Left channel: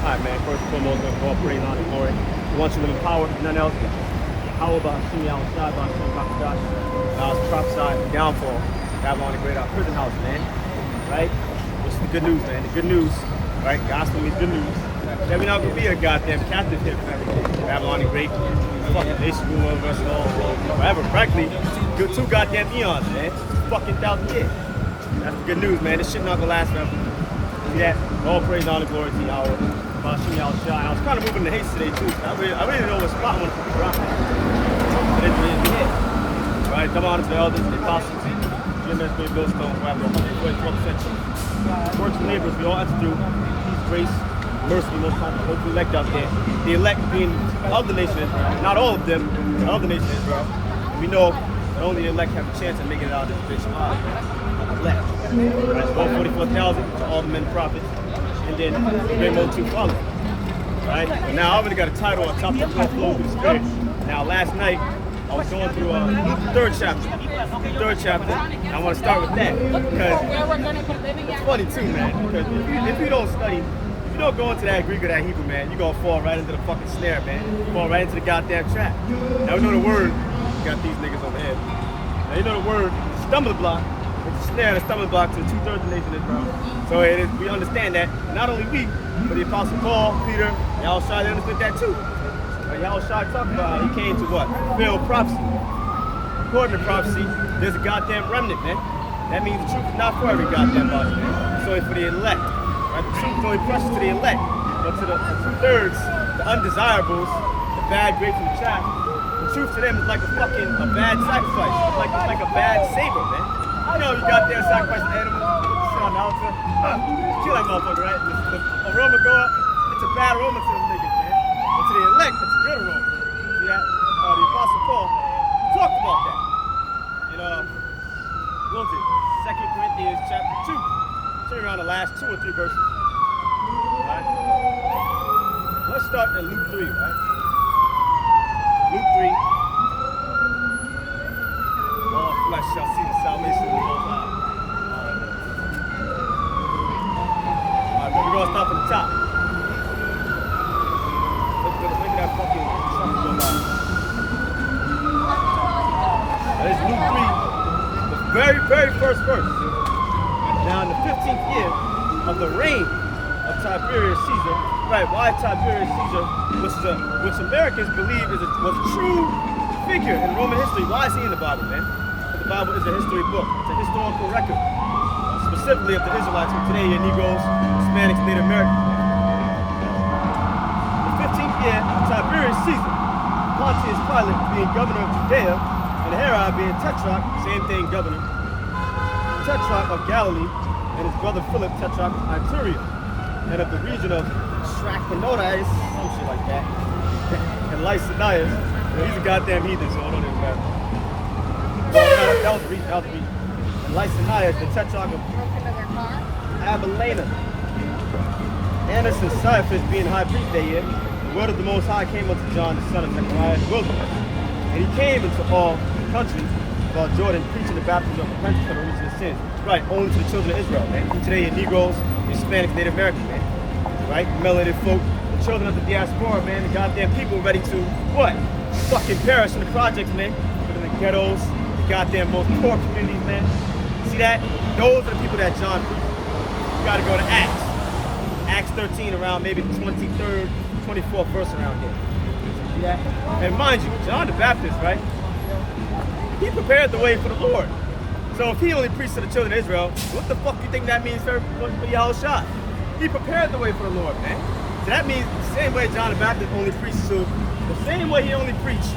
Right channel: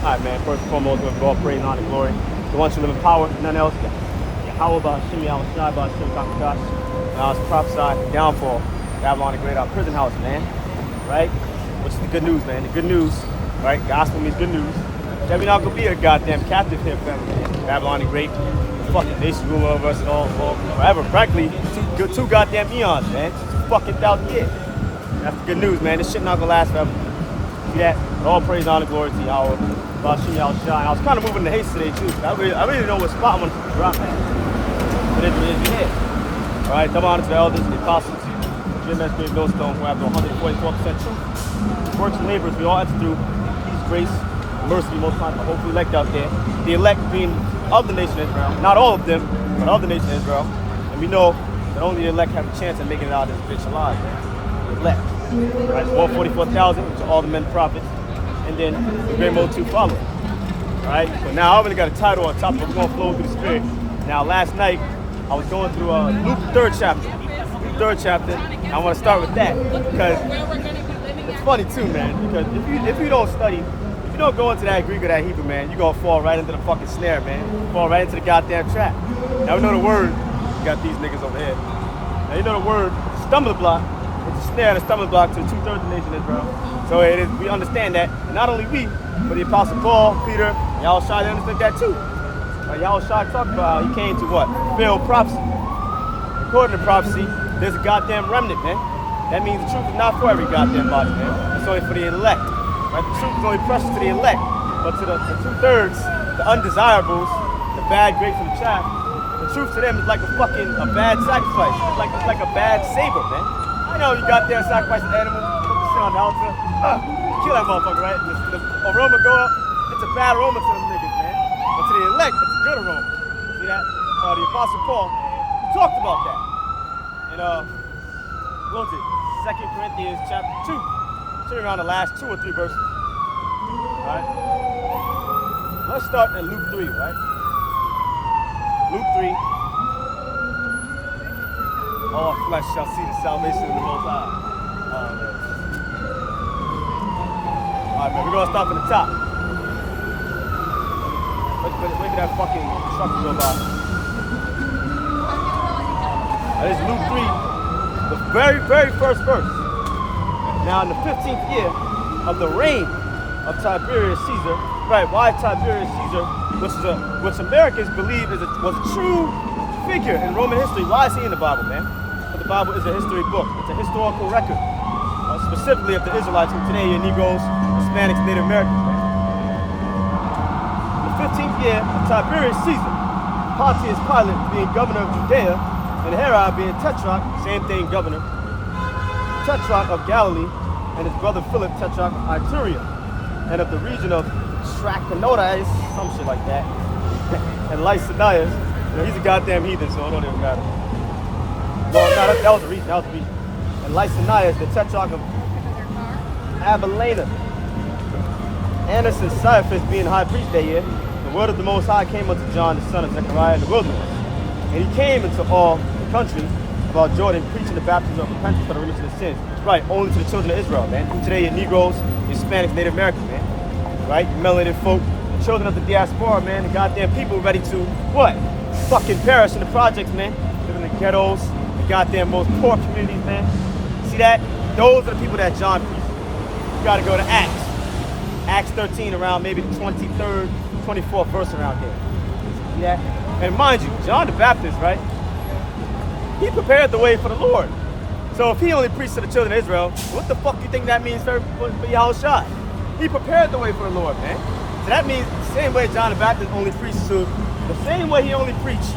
Alright, man, first and foremost, let's go praise, honor, and glory. The one who live in power, none else. Yeah. How about Shimi, I was shy about Shimi, Dr. Josh. I was prophesied the downfall, Babylon the Great, our prison house, man. Right? Which is the good news, man. The good news, right? Gospel means good news. That we're not gonna be a goddamn captive here forever, man. Babylon the Great, the fucking basic rule over us all forever. Frankly, two goddamn eons, man. 2,000 years. That's the good news, man. This shit not gonna last forever. Yeah, all praise, honor, glory to Yahweh. About Shimi, I was shy. And I was kind of moving the haste today, too. I really didn't know what spot I wanted to drop at. But it's here. All right, come on to the elders and the apostles. Then that's the millstone who have the 144% truth. Works and labors we all have to do. His grace, mercy, most high, the hopefully elect out there. The elect being of the nation of Israel. Not all of them, but of the nation of Israel. And we know that only the elect have a chance of making it out of this bitch alive. Elect. Right, 144,000 to all the men prophets. And then Great Mode 2 follow. Alright, so now I already got a title on top of it. We're going to flow through the spirit. Now last night, I was going through Luke, the third chapter. I want to start with that because it's funny too, man. Because if you don't study, if you don't go into that Greek or that Hebrew, man, you're going to fall right into the fucking snare, man. You fall right into the goddamn trap. Now we know the word, you got these niggas over here. Now you know the word, stumbling block. It's a snare, the stumbling block to 2/3 of the nation of Israel. So it is, we understand that. And not only we, but the Apostle Paul, Peter, Yahushua, they understood that too. Yahushua talked about how he came to what? Fulfill prophecy. According to prophecy, there's a goddamn remnant, man. That means the truth is not for every goddamn body, man. It's only for the elect. Right? The truth is only precious to the elect. But to the 2/3, the undesirables, the bad, great from track, the truth to them is like a bad sacrifice. It's like a bad saber, man. You know, you got there, sacrifice an animal, put the shit on the altar, kill that motherfucker, right? The aroma go up, it's a bad aroma to them niggas, man. But to the elect, it's a good aroma. See that? The Apostle Paul talked about that. And what was it? 2 Corinthians chapter 2. Turn around the last 2 or 3 verses. Alright? Let's start in Luke 3, right? Luke 3. All flesh shall see the salvation of the Most High. Alright, we're going to start from the top. Look at that fucking truck go by. This is Luke 3, the very, very first verse. Now, in the 15th year of the reign of Tiberius Caesar, right, why Tiberius Caesar, which Americans believe was a true figure in Roman history. Why is he in the Bible, man? Because the Bible is a history book. It's a historical record, specifically of the Israelites, who today are Negroes, Hispanics, Native Americans. In the 15th year of Tiberius Caesar, Pontius Pilate being governor of Judea, and Herod being tetrarch, same thing, governor, tetrarch of Galilee, and his brother Philip, tetrarch of Iturea, and of the region of Trachonitis, some shit like that, and Lycidias. He's a goddamn heathen, so I don't even matter. No, that was a reason, And Lycidias, the tetrarch of Abilene. Annas and Caiaphas being high priest that year, the word of the Most High came unto John, the son of Zechariah, in the wilderness. And he came into all the country about Jordan, preaching the baptism of repentance for the remission of sins. Right, only to the children of Israel, man. Today, you're Negroes, Hispanics, Native Americans, man. Right, melanated folk, children of the diaspora, man. The goddamn people ready to what? Fucking perish in the projects, man. Living in the ghettos, the goddamn most poor communities, man. See that? Those are the people that John preached. You gotta go to Acts. Acts 13, around maybe the 23rd, 24th verse around there. See that? And mind you, John the Baptist, right? He prepared the way for the Lord. So if he only preached to the children of Israel, what the fuck do you think that means for Yahushua? He prepared the way for the Lord, man. So that means the same way John the Baptist only preached to, the same way he only preached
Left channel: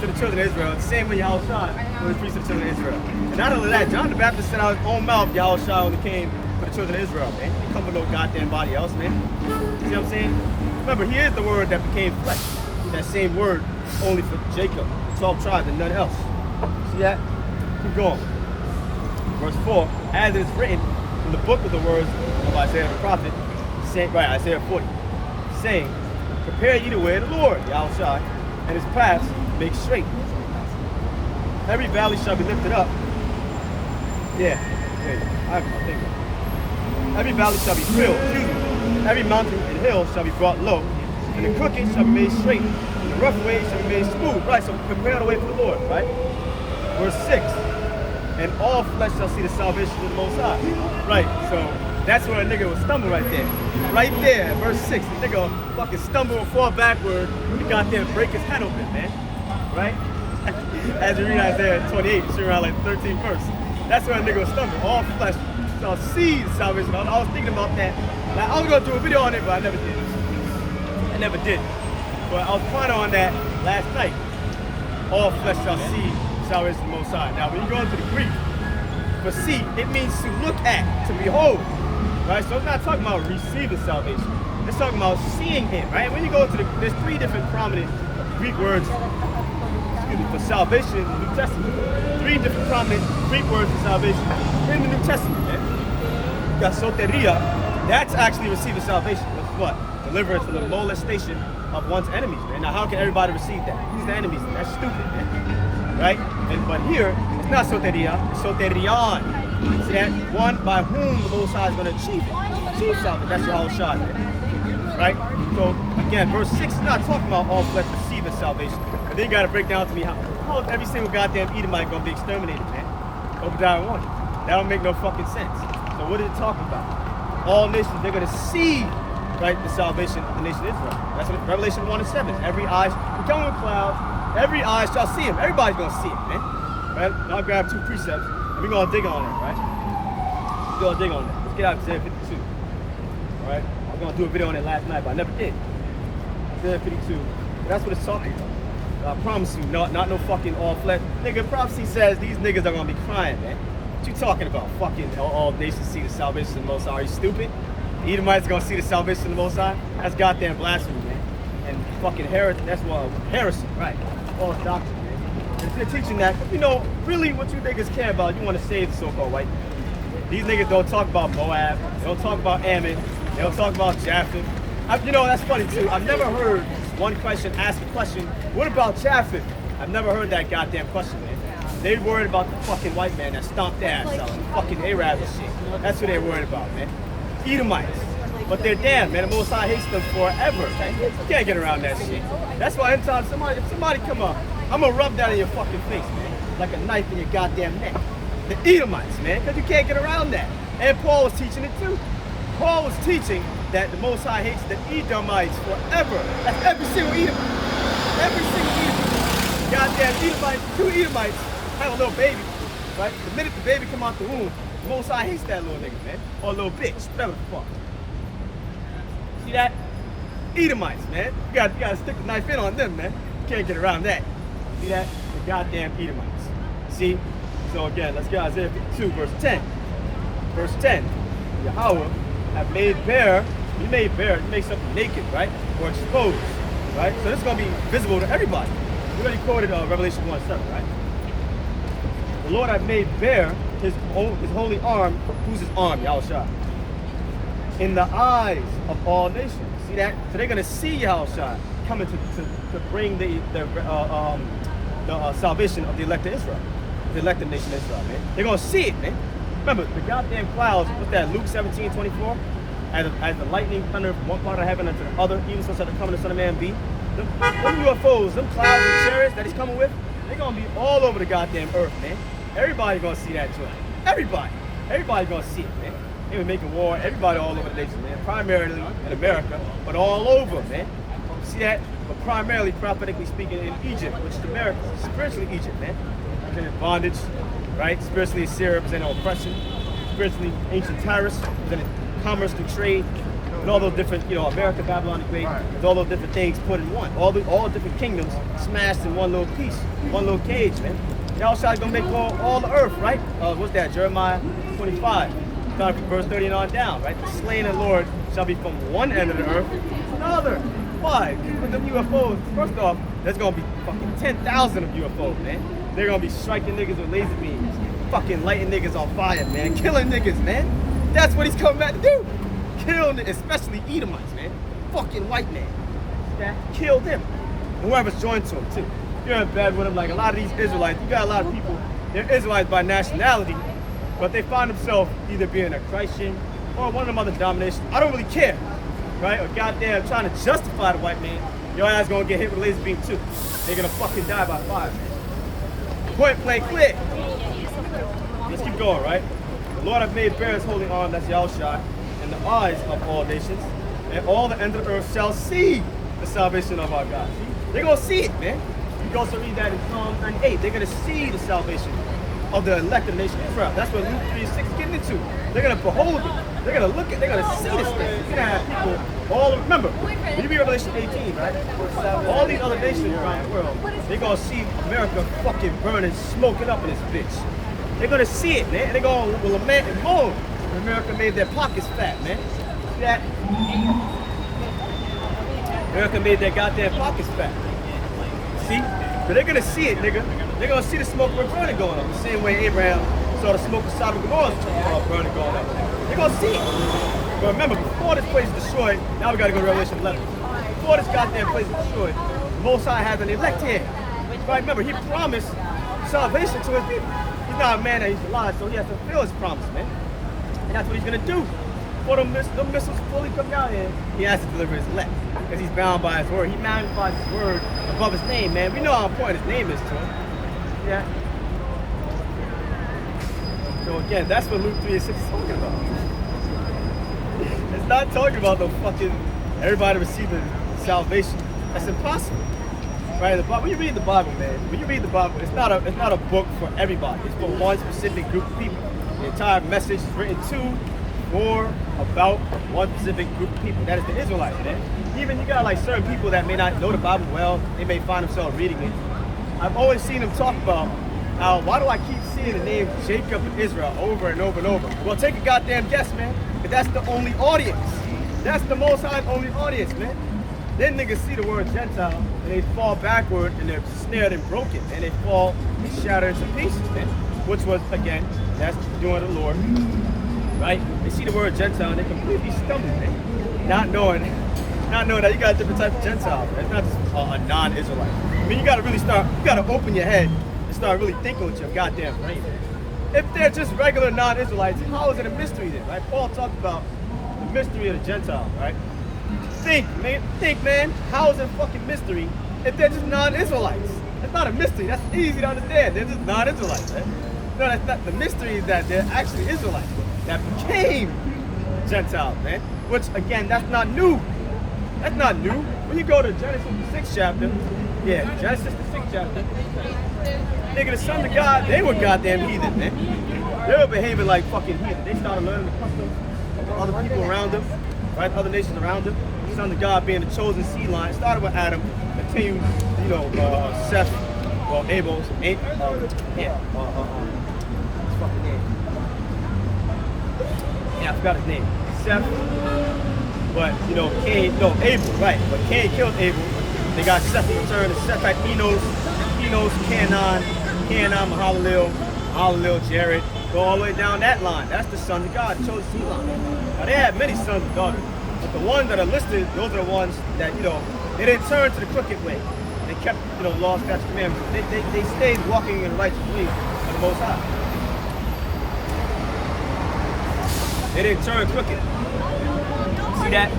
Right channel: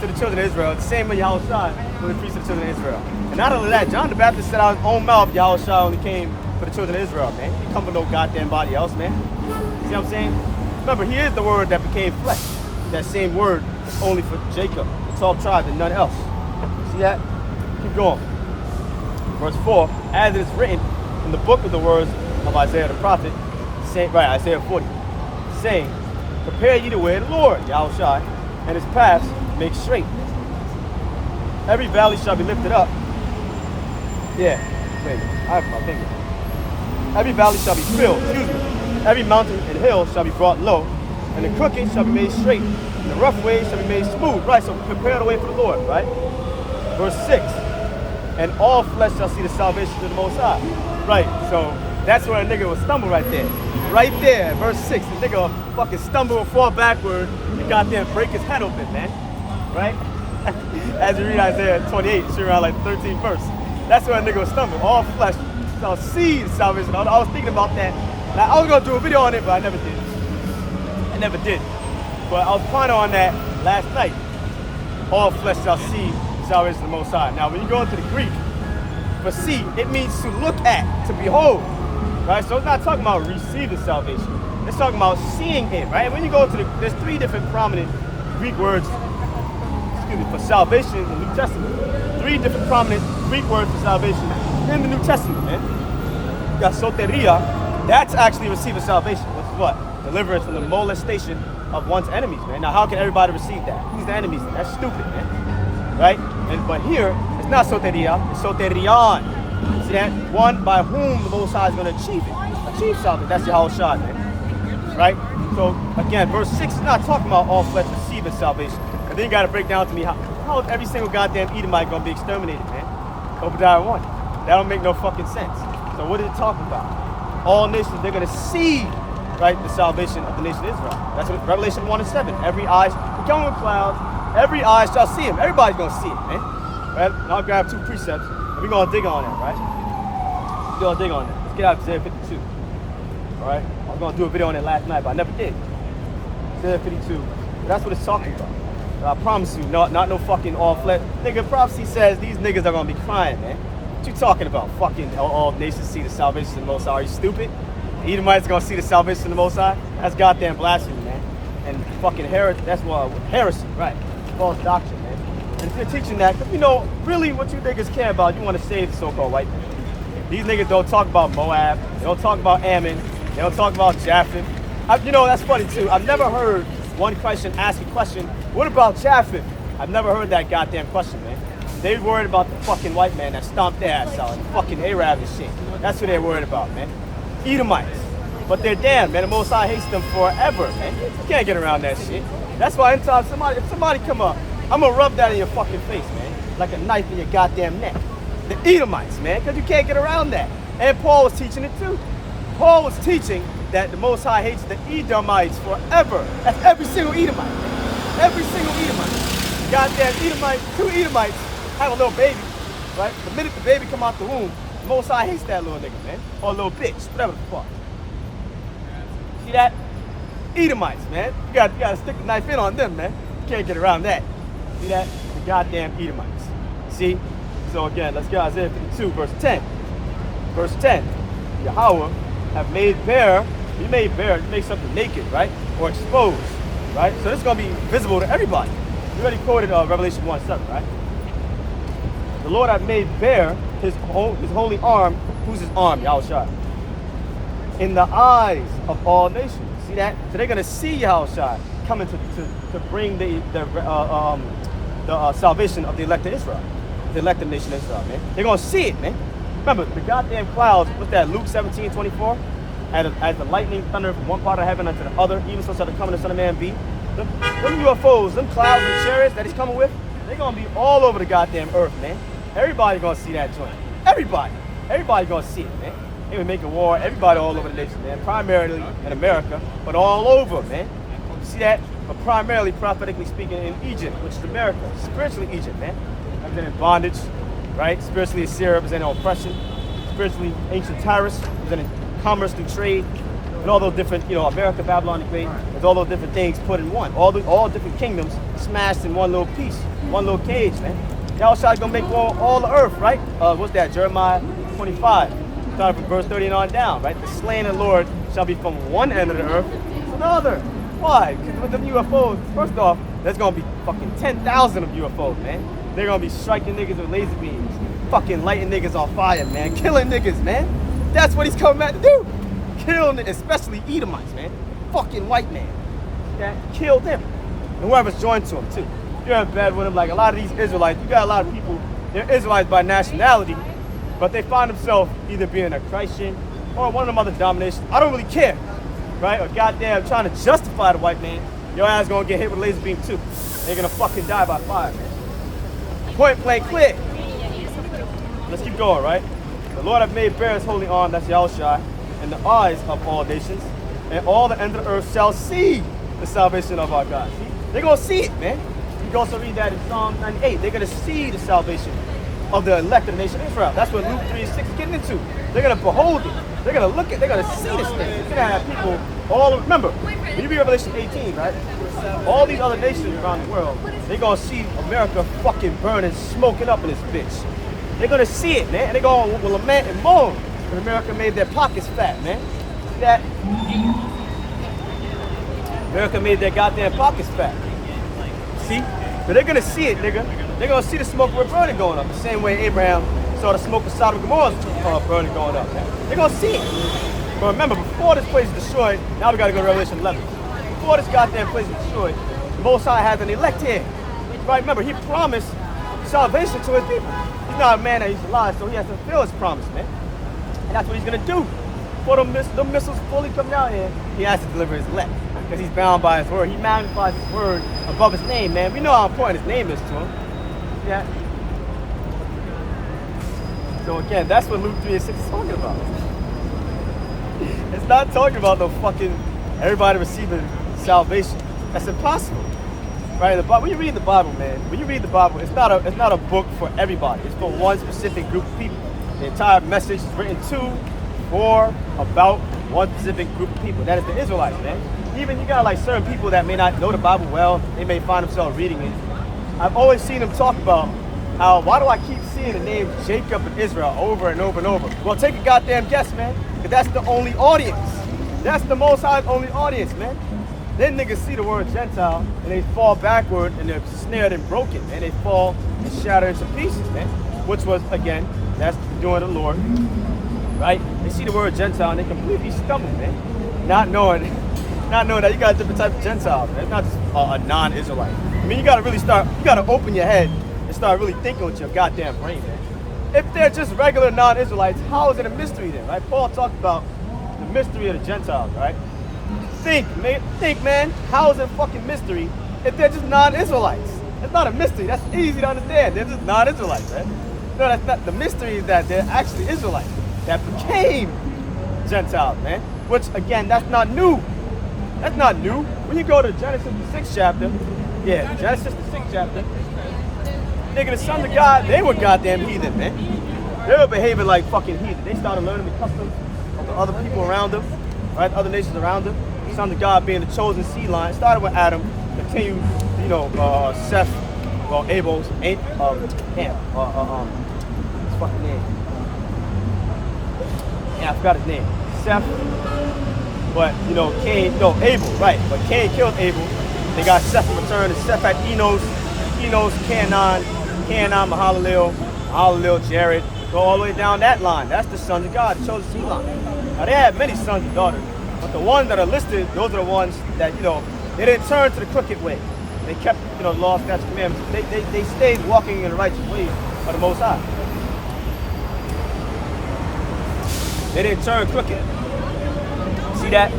to the children of Israel, the same way Yahushua only preached to the children of Israel. And not only that, John the Baptist said out of his own mouth, Yahushua only came for the children of Israel, man. He come from no goddamn body else, man. See what I'm saying? Remember, he is the word that became flesh. That same word is only for Jacob, the 12 tribes, and none else. See that? Keep going. Verse 4, as it is written in the book of the words of Isaiah the prophet, saying, right, Isaiah 40, saying, prepare ye the way of the Lord, Yahushua, and his paths make straight. Every valley shall be lifted up. Yeah, wait, I have my finger. Every valley shall be filled, every mountain and hill shall be brought low, and the crooked shall be made straight, and the rough ways shall be made smooth. Right, so prepare the way for the Lord, right? Verse 6, and all flesh shall see the salvation of the Most High. Right, so that's where a nigga will stumble right there. Right there, verse 6, the nigga will fucking stumble and fall backward, you goddamn break his head open, man. Right? As you read Isaiah 28, it's around like 13th verse. That's where a nigga will stumble. All flesh shall see the salvation. I was thinking about that. Now, I was gonna do a video on it, but I never did. But I was planning on that last night. All flesh shall see the salvation of the Most High. Now, when you go into the Greek, for see, it means to look at, to behold. Right? So it's not talking about receiving salvation. It's talking about seeing Him, right? When you go to there's 3 different prominent Greek words for salvation in the New Testament. 3 different prominent Greek words for salvation in the New Testament, man. You got soteria, that's actually receiving salvation, which is what? Deliverance from the molestation of one's enemies, man. Now, how can everybody receive that? Who's the enemies? That's stupid, man. Right? But here, it's not soteria, it's soterion. See that? One by whom the Most High is going to achieve it. Achieve salvation. That's your whole shot, man. Right? So, again, verse 6 is not talking about all flesh receiving salvation. And then you got to break down to me how is every single goddamn Edomite going to be exterminated, man? Obadiah 1. That don't make no fucking sense. So what is it talking about? All nations, they're going to see, right, the salvation of the nation of Israel. That's what Revelation 1 and 7. Every eye, we come with clouds, every eye shall see him. Everybody's going to see him, man. Right? Now I'll grab 2 precepts, and we're going to dig on that, right? We're going to dig on that. Let's get out of Isaiah 52. All right? I was going to do a video on it last night, but I never did. Isaiah 52. That's what it's talking about. I promise you, not no fucking all flesh. Nigga, prophecy says these niggas are gonna be crying, man. What you talking about? Fucking all nations see the salvation of the Most High. Are you stupid? The Edomites gonna see the salvation of the Most High? That's goddamn blasphemy, man. And fucking heresy, right? False doctrine, man. And if you're teaching that, you know, really what you niggas care about, you want to save the so-called white man. These niggas don't talk about Moab. They don't talk about Ammon. They don't talk about Japheth. You know, that's funny too. I've never heard one question ask a question, what about Japheth? I've never heard that goddamn question, man. They worried about the fucking white man that stomped their ass out, fucking Arabs and shit. That's what they're worried about, man. Edomites. But they're damn, man. The Most High hates them forever, man. You can't get around that shit. That's why anytime if somebody come up, I'm gonna rub that in your fucking face, man. Like a knife in your goddamn neck. The Edomites, man, because you can't get around that. And Paul was teaching it too. Paul was teaching that the Most High hates the Edomites forever. That's every single Edomite. Every single Edomite. Goddamn Edomite, 2 Edomites have a little baby, right? The minute the baby come out the womb, the Most High hates that little nigga, man. Or a little bitch, whatever the fuck. See that? Edomites, man. You gotta stick the knife in on them, man. You can't get around that. See that? The goddamn Edomites. See? So again, let's get Isaiah 52, verse 10. Verse 10. Yahweh have made bare, you made something naked, right? Or exposed, right? So this is going to be visible to everybody. We already quoted Revelation 1:7, right? The Lord has made bare his holy arm. Who's his arm? Yahushua. In the eyes of all nations. See that? So they're going to see Yahushua coming to bring the salvation of the elected Israel. The elected nation of Israel, man. They're going to see it, man. Remember, the goddamn clouds, what's that, Luke 17:24? As the lightning thunder from one part of heaven unto the other, even so shall the coming of the Son of Man be. Them UFOs, them clouds and chariots that he's coming with, they're going to be all over the goddamn earth, man. Everybody's going to see that joint. Everybody. Everybody's going to see it, man. They were making war, everybody all over the nation, man. Primarily in America, but all over, man. You see that? But primarily, prophetically speaking, in Egypt, which is America. Spiritually Egypt, man. I've been in bondage, right? Spiritually Assyria was in oppression. Spiritually ancient Tyrus was in commerce through trade. And all those different, you know, America, Babylon the Great, there's all those different things put in one. All different kingdoms smashed in one little piece, one little cage, man. Yahushua's gonna make all the earth, right? What's that? Jeremiah 25. Starting from verse 30 on down, right? The slain of the Lord shall be from one end of the earth to another. Why? With the UFOs, first off, there's gonna be fucking 10,000 of UFOs, man. They're gonna be striking niggas with laser beams, fucking lighting niggas on fire, man, killing niggas, man. That's what he's coming back to do. Kill, especially Edomites, man. Fucking white man. That kill them. And whoever's joined to him too. You're in bed with them, like a lot of these Israelites. You got a lot of people, they're Israelites by nationality, but they find themselves either being a Christian or one of them other denominations, I don't really care, right? Or goddamn trying to justify the white man, your ass gonna get hit with a laser beam too. They're gonna fucking die by fire, man. Point blank clear. Let's keep going, right? The Lord hath made bare his holy arm, that's Yahushua, in the eyes of all nations, and all the end of the earth shall see the salvation of our God. See? They're gonna see it, man. You can also read that in Psalm 98. They're gonna see the salvation of the elected nation of Israel. That's what Luke 3:6 is getting into. They're gonna behold it. They're gonna look at. They're gonna see this thing. You're gonna have people all. Remember, when you read Revelation 18, right? All these other nations around the world, they're gonna see America fucking burning, smoking up in this bitch. They're gonna see it, man. And they're gonna lament and moan when America made their pockets fat, man. That America made their goddamn pockets fat. See? But they're gonna see it, nigga. They're gonna see the smoke of burning going up. The same way Abraham saw the smoke of Sodom and Gomorrah burning going up. They're gonna see it. But remember, before this place is destroyed, now we gotta go to Revelation 11. Before this goddamn place is destroyed, the Most High has an elect here. Right? Remember, he promised salvation to his people. He's not a man that he's alive, so he has to fulfill his promise, man. And that's what he's gonna do. Before the missiles fully come down here, he has to deliver his elect. Because he's bound by his word. He magnifies his word above his name, man. We know how important his name is to him. Yeah. So again, that's what Luke 3:6 is talking about. It's not talking about the fucking everybody receiving salvation. That's impossible. Right? When you read the Bible, man, when you read the Bible, it's not a book for everybody. It's for one specific group of people. The entire message is written to, for, about one specific group of people. That is the Israelites, man. Even you got like certain people that may not know the Bible well, they may find themselves reading it. I've always seen them talk about how, why do I keep seeing the name Jacob and Israel over and over and over? Well, take a goddamn guess, man. But that's the only audience. That's the Most High's only audience, man. Then niggas see the word Gentile and they fall backward and they're snared and broken and they fall and shatter into pieces, man. Which was, again, that's doing the Lord, right? They see the word Gentile and they completely stumble, man. Not knowing that you got a different type of Gentile, man. It's not just a non-Israelite. I mean, you gotta open your head and start really thinking with your goddamn brain, man. If they're just regular non-Israelites, how is it a mystery then, right? Paul talked about the mystery of the Gentiles, right? Think, man, how is it a fucking mystery if they're just non-Israelites? It's not a mystery, that's easy to understand. They're just non-Israelites, man. No, that's not the mystery, is that they're actually Israelites that became Gentiles, man. Which, again, that's not new. That's not new. When you go to Genesis the 6th chapter, Genesis the 6th chapter, nigga, the sons of God, they were goddamn heathen, man. They were behaving like fucking heathen. They started learning the customs of the other people around them, right? Other nations around them. The sons of God being the chosen seed line. Started with Adam, continued, Seth, Abel's, his fucking name. Yeah, I forgot his name. Seth. But, Abel, right. But Cain killed Abel. They got Seth in return. And Seth had Enos, Canaan, Mahalalel, Jared. Go all the way down that line. That's the sons of God, the chosen seed line. Now, they had many sons and daughters. But the ones that are listed, those are the ones that, they didn't turn to the crooked way. They kept, law, statutes, commandments. They stayed walking in the righteous ways of the Most High. They didn't turn crooked. See that?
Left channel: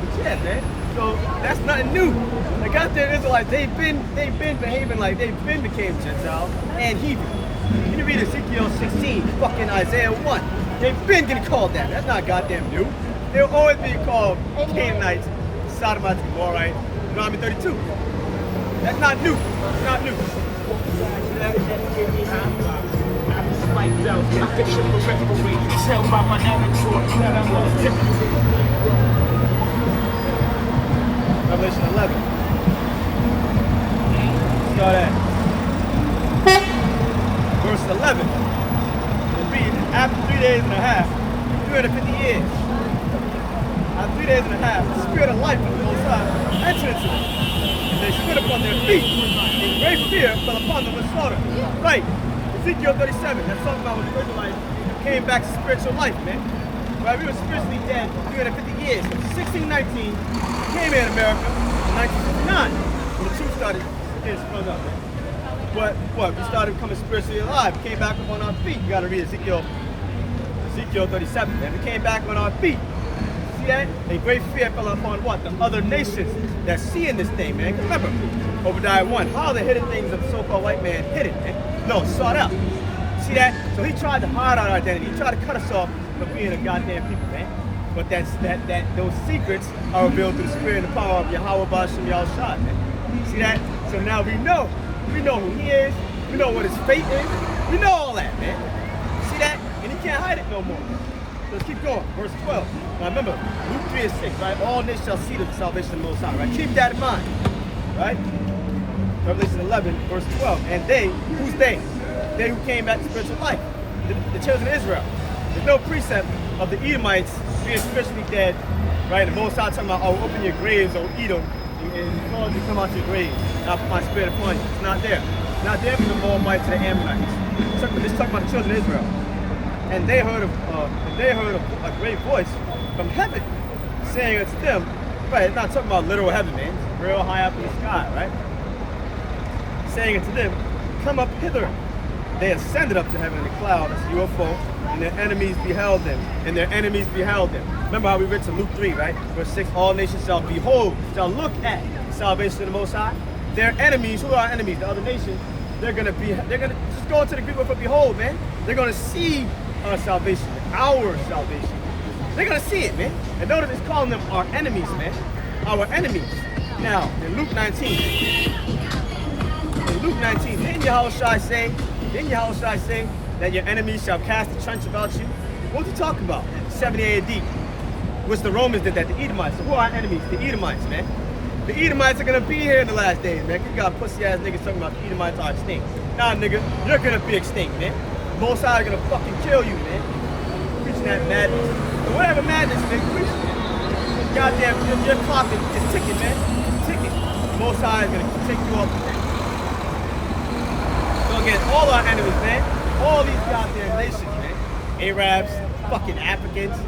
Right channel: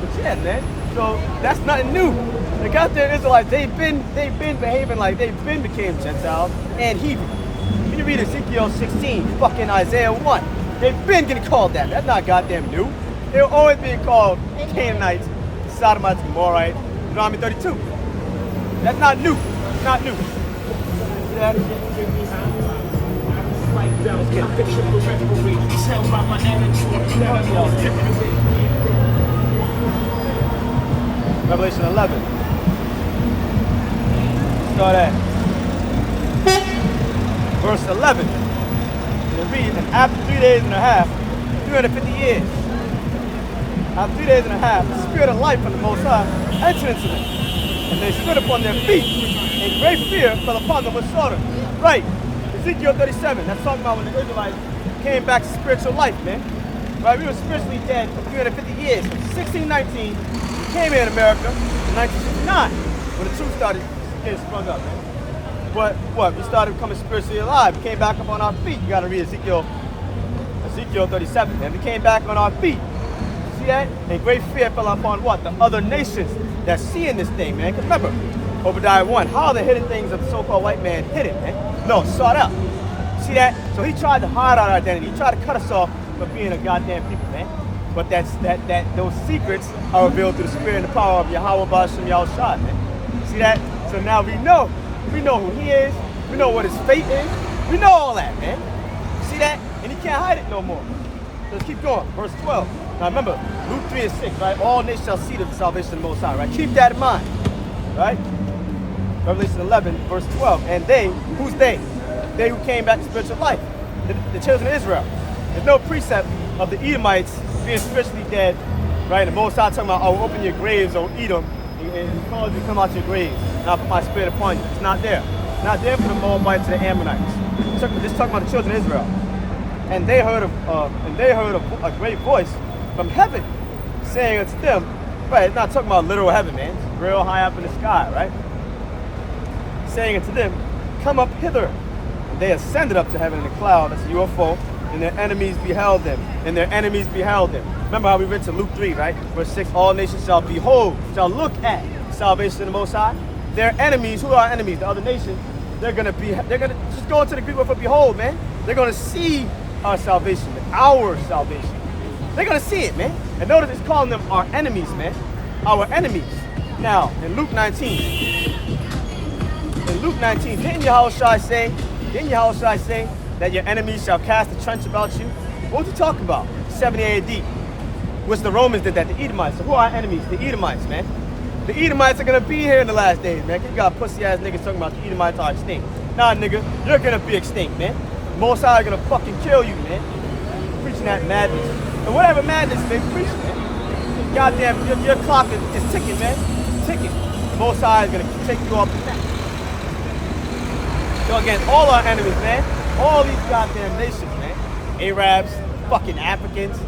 But yeah, man. So that's nothing new. The goddamn Israelites, they've been behaving like they've been became Gentiles and heathen. You read Ezekiel 16, fucking Isaiah 1. They've been getting called that. That's not goddamn new. They've always been called Canaanites, Sodomites, Gomorrah, Deuteronomy 32. That's not new. It's not new. Yeah. Revelation 11. Start at verse 11. We'll read, after 3 days and a half, 350 years. After 3 days and a half, the spirit of life from the Most High entered into them. And they stood upon their feet, and great fear fell upon them with slaughter. Right. Ezekiel 37, that's talking about when the Israelites came back to spiritual life, man. Right, we were spiritually dead for 350 years. From 1619, we came here in America in 1969, when the truth started getting sprung up, man. But what? We started becoming spiritually alive. We came back up on our feet. You gotta read Ezekiel Ezekiel 37, man. We came back on our feet. See that? And great fear fell upon what? The other nations that's seeing this thing, man. Remember, Obadiah 1, how are the hidden things of the so-called white man hidden, man? No, sought out. See that? So he tried to hide our identity. He tried to cut us off from being a goddamn people, man. But those secrets are revealed through the spirit and the power of Yahweh Bashim Yahushua, man. See that? So now we know who he is. We know what his fate is. We know all that, man. See that? And he can't hide it no more. So let's keep going. Verse 12. Now remember, Luke 3 and 6, right? All nations shall see the salvation of the Most High, right? Keep that in mind, right? Revelation 11, verse 12. And they, who's they? They who came back to spiritual life, the children of Israel. There's no precept of the Edomites being spiritually dead, right? The Most High talking about, oh, open your graves, oh, Edom, and he called you to come out your graves, and I'll put my spirit upon you. It's not there. It's not there for the Moabites and the Ammonites. It's talking about the children of Israel. And they heard a great voice from heaven saying unto them, right, it's not talking about literal heaven, man. It's real high up in the sky, right? Saying unto them, come up hither. They ascended up to heaven in a cloud as a UFO, and their enemies beheld them, and their enemies beheld them. Remember how we read to Luke 3, right? Verse 6, all nations shall behold, shall look at the salvation of the Most High. Their enemies, who are enemies? The other nations, they're gonna just go into the Greek word for behold, man. They're gonna see our salvation, our salvation. They're gonna see it, man. And notice it's calling them our enemies, man. Our enemies. Now, in Luke 19, didn't Yahushua say that your enemies shall cast a trench about you? What was he talking about? 70 AD, which the Romans did that, the Edomites. So who are our enemies? The Edomites, man. The Edomites are gonna be here in the last days, man. You got pussy ass niggas talking about the Edomites are extinct. Nah, nigga, you're gonna be extinct, man. Most High are gonna fucking kill you, man. Preaching that madness. And whatever madness they preach, man. Goddamn, your clock is ticking, man. It's ticking. Most High is gonna take you off the map. So again, all our enemies, man. All these goddamn nations, man. Arabs, fucking Africans,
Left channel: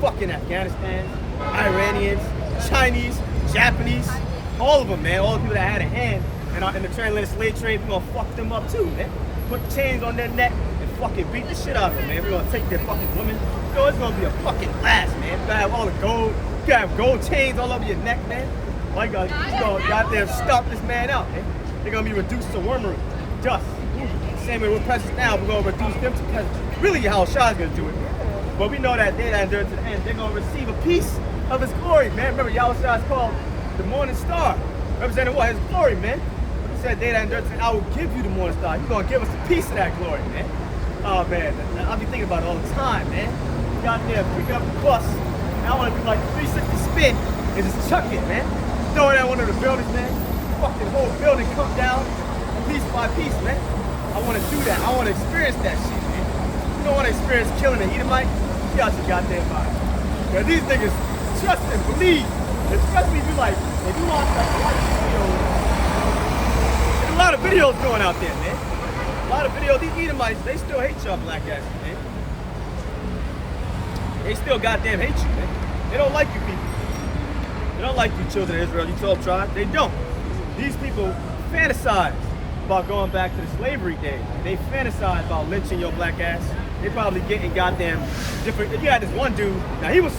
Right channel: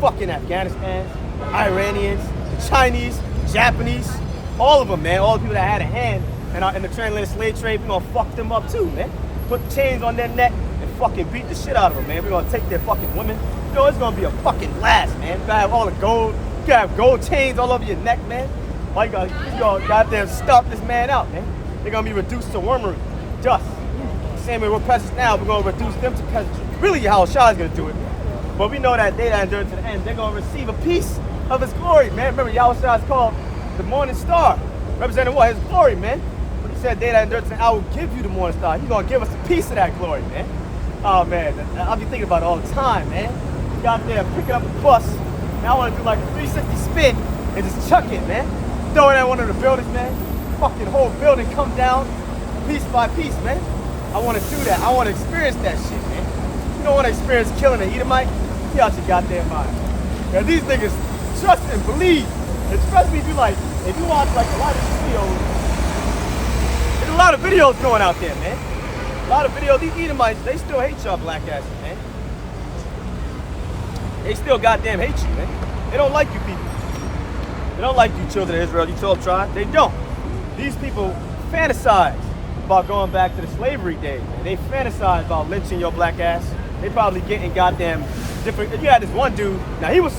fucking Afghanistan, Iranians, Chinese, Japanese, all of them, man. All the people that had a hand in the transatlantic slave trade, we're gonna fuck them up too, man. Put chains on their neck and fucking beat the shit out of them, man. We're gonna take their fucking women. You know, it's gonna be a fucking blast, man. You gotta have all the gold, you gotta have gold chains all over your neck, man. All you gonna goddamn stuff this man out, man. They're gonna be reduced to wormery, dust. Same way we're peasants now, we're gonna reduce them to peasants. Really how Shah's gonna do it. But we know that they that endure to the end, they're gonna receive a piece of his glory, man. Remember, Yahushua is called the morning star, representing what? His glory, man. But he said, they that endure to the end, I will give you the morning star. He's gonna give us a piece of that glory, man. Oh man, I'll be thinking about it all the time, man. You out there picking up the bus, and I wanna do like a 360 spin and just chuck it, man. Throw it at one of the buildings, man. Fucking whole building come down piece by piece, man. I want to do that. I want to experience that shit, man. You don't want to experience killing an Edomite? Get out your goddamn mind. Because these niggas trust and believe. Especially if you watch like a lot of videos. There's a lot of videos going out there, man. A lot of videos. These Edomites, they still hate y'all black asses, man. They still goddamn hate you, man. They don't like you people. They don't like you children of Israel, you 12 tribes. They don't. These people fantasize about going back to the slavery days. They fantasize about lynching your black ass. They probably getting goddamn different. If you had this one dude, now he was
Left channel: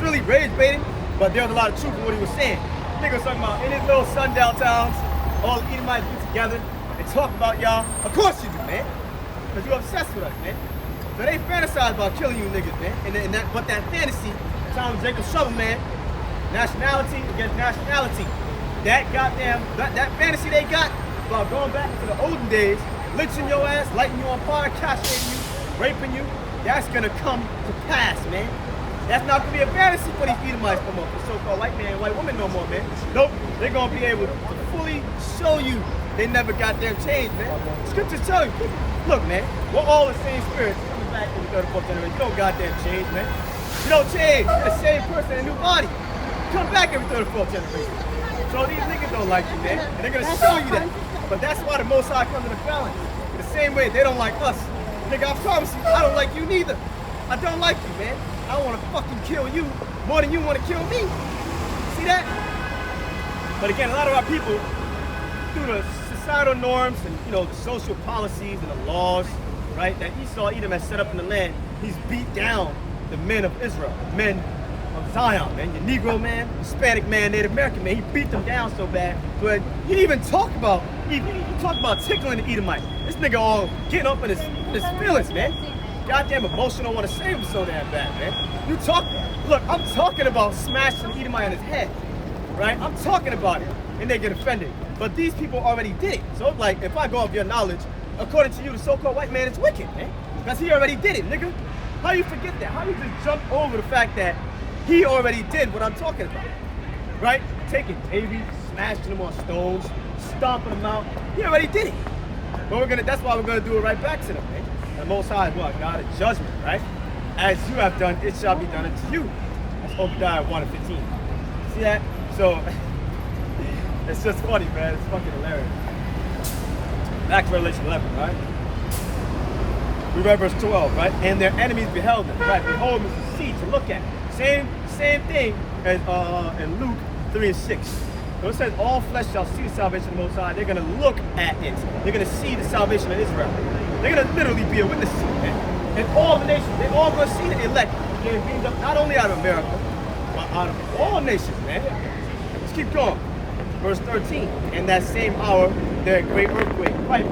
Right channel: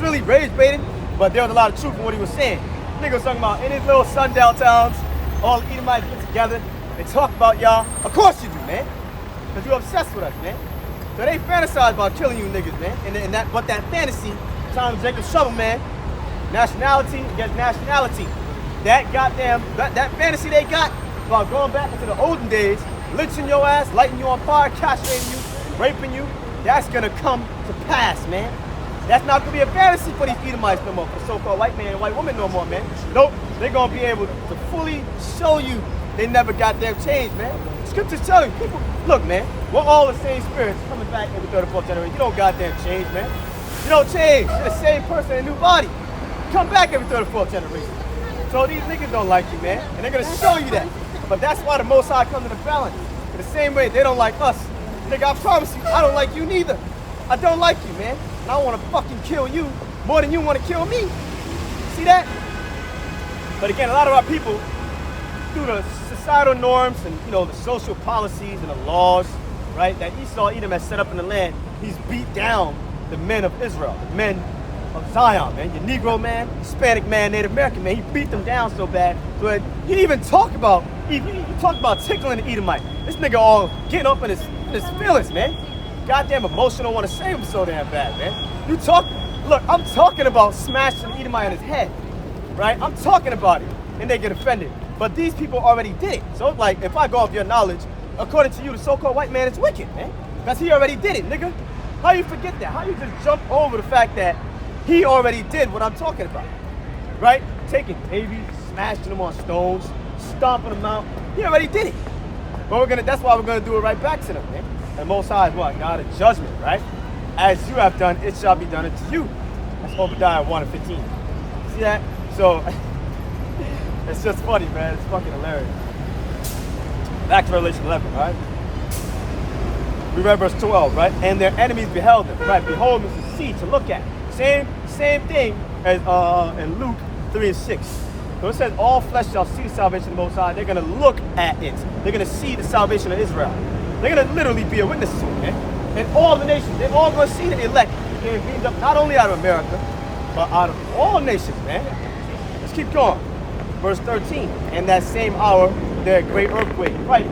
really rage baiting, but there was a lot of truth in what he was saying. Nigga was talking about in his little sundown towns, all the Edomites get together and talk about y'all. Of course you do, man. Because you're obsessed with us, man. So they fantasize about killing you niggas, man. But that fantasy, Tom Jacob Shovel, man, nationality against nationality. That fantasy they got about going back into the olden days, lynching your ass, lighting you on fire, castrating you, raping you, that's gonna come to pass, man. That's not gonna be a fantasy for these Edomites no more, for so-called white man and white woman no more, man. Nope, they're gonna be able to fully show you they never got them changed, man. Scriptures tell you, look, man, we're all the same spirits coming back every 34th generation. You don't goddamn change, man. You don't change. You're the same person in a new body. Come back every 34th generation. So these niggas don't like you, man, and they're gonna show you that. But that's why the Most High comes in the balance. In the same way they don't like us. Nigga, I promise you, I don't like you neither. I don't like you, man. I want to fucking kill you more than you want to kill me. See that? But again, a lot of our people, through the societal norms and the social policies and the laws, right, that Esau Edom has set up in the land, he's beat down the men of Israel, the men of Zion, man. The Negro man, Hispanic man, Native American man. He beat them down so bad, but he even talked about tickling the Edomite. This nigga all getting up in his feelings, man. Goddamn emotional, want to save him so damn bad, man. Look, I'm talking about smashing the Edomite on his head, right? I'm talking about it, and they get offended. But these people already did. So like, if I go off your knowledge, according to you, the so-called white man is wicked, man. Because he already did it, nigga. How you forget that? How you just jump over the fact that he already did what I'm talking about, right? Taking babies, smashing them on stones, stomping them out. He already did it. But that's why we're gonna do it right back to them, man. And Most High is what? God of judgment, right? As you have done, it shall be done unto you. That's Obadiah 1:15. See that? So it's just funny, man. It's fucking hilarious. Back to Revelation 11, right? We read verse 12, right? And their enemies beheld them, right? Behold is to see, to look at. Same thing as in Luke 3:6. So it says, all flesh shall see salvation of the Most High. They're going to look at it. They're going to see the salvation of Israel. They're going to literally be a witness to it, man. And all the nations, they're all going to see the elect being beamed up, not only out of America, but out of all nations, man. Let's keep going. Verse 13. And that same hour, there great earthquake, right?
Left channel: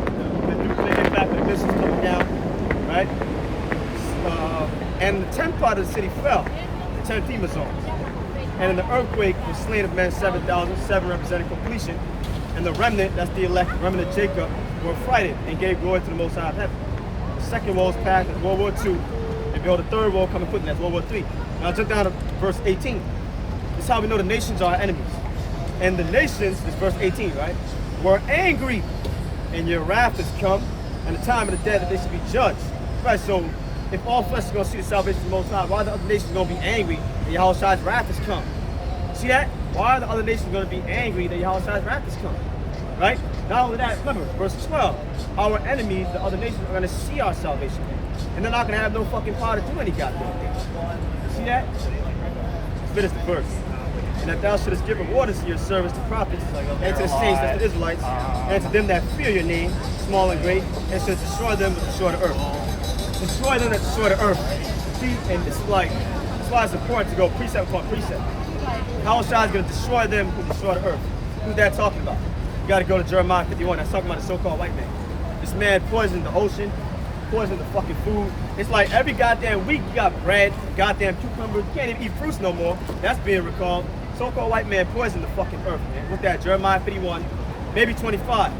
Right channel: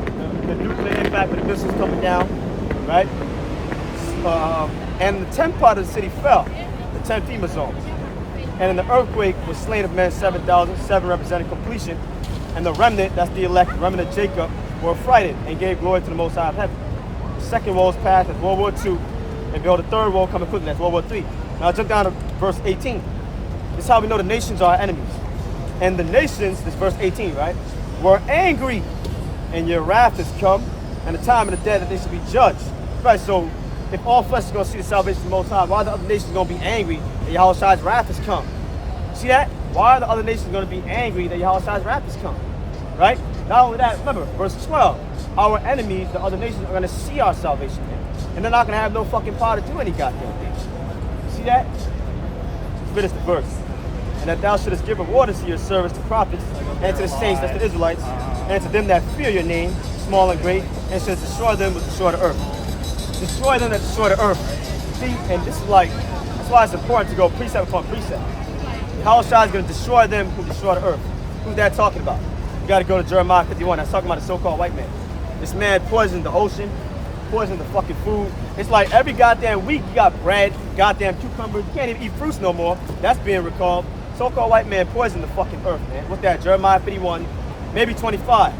The impact of the missiles coming down, right? And the 10th part of the city fell, the 10 FEMA zones. And in the earthquake was slain of men 7,000, 7 representing completion. And the remnant, that's the elect, the remnant of Jacob, were affrighted and gave glory to the Most High of heaven. The second woe is past, that's World War II. And go the third woe coming quickly, that's World War III. Now jump down to verse 18. This is how we know the nations are our enemies. And the nations, this verse 18, right, were angry. And your wrath has come, and the time of the dead that they should be judged. Right, so if all flesh is going to see the salvation of the Most High, why are the other nations going to be angry that Yahweh's wrath has come? See that? Why are the other nations going to be angry that Yahweh's wrath has come? Right? Not only that, remember, verse 12. Our enemies, the other nations, are going to see our salvation then. And they're not going to have no fucking power to do any goddamn thing. See that? Let's finish the verse. And that thou shouldest give orders to your servants, the prophets, and to the saints, that's the Israelites, and to them that fear your name, small and great, and should destroy them with destroy the earth. Destroy them that destroy the earth. See, and this is why it's important to go precept upon precept. How is going to destroy them who destroy the earth? Who's that talking about? You got to go to Jeremiah 51. That's talking about the so-called white man. This man poisoned the ocean, poisoned the fucking food. It's like every goddamn week you got bread, goddamn cucumbers. You can't even eat fruits no more. That's being recalled. So-called white man poisoned the fucking earth, man. What's that? Jeremiah 51, maybe 25,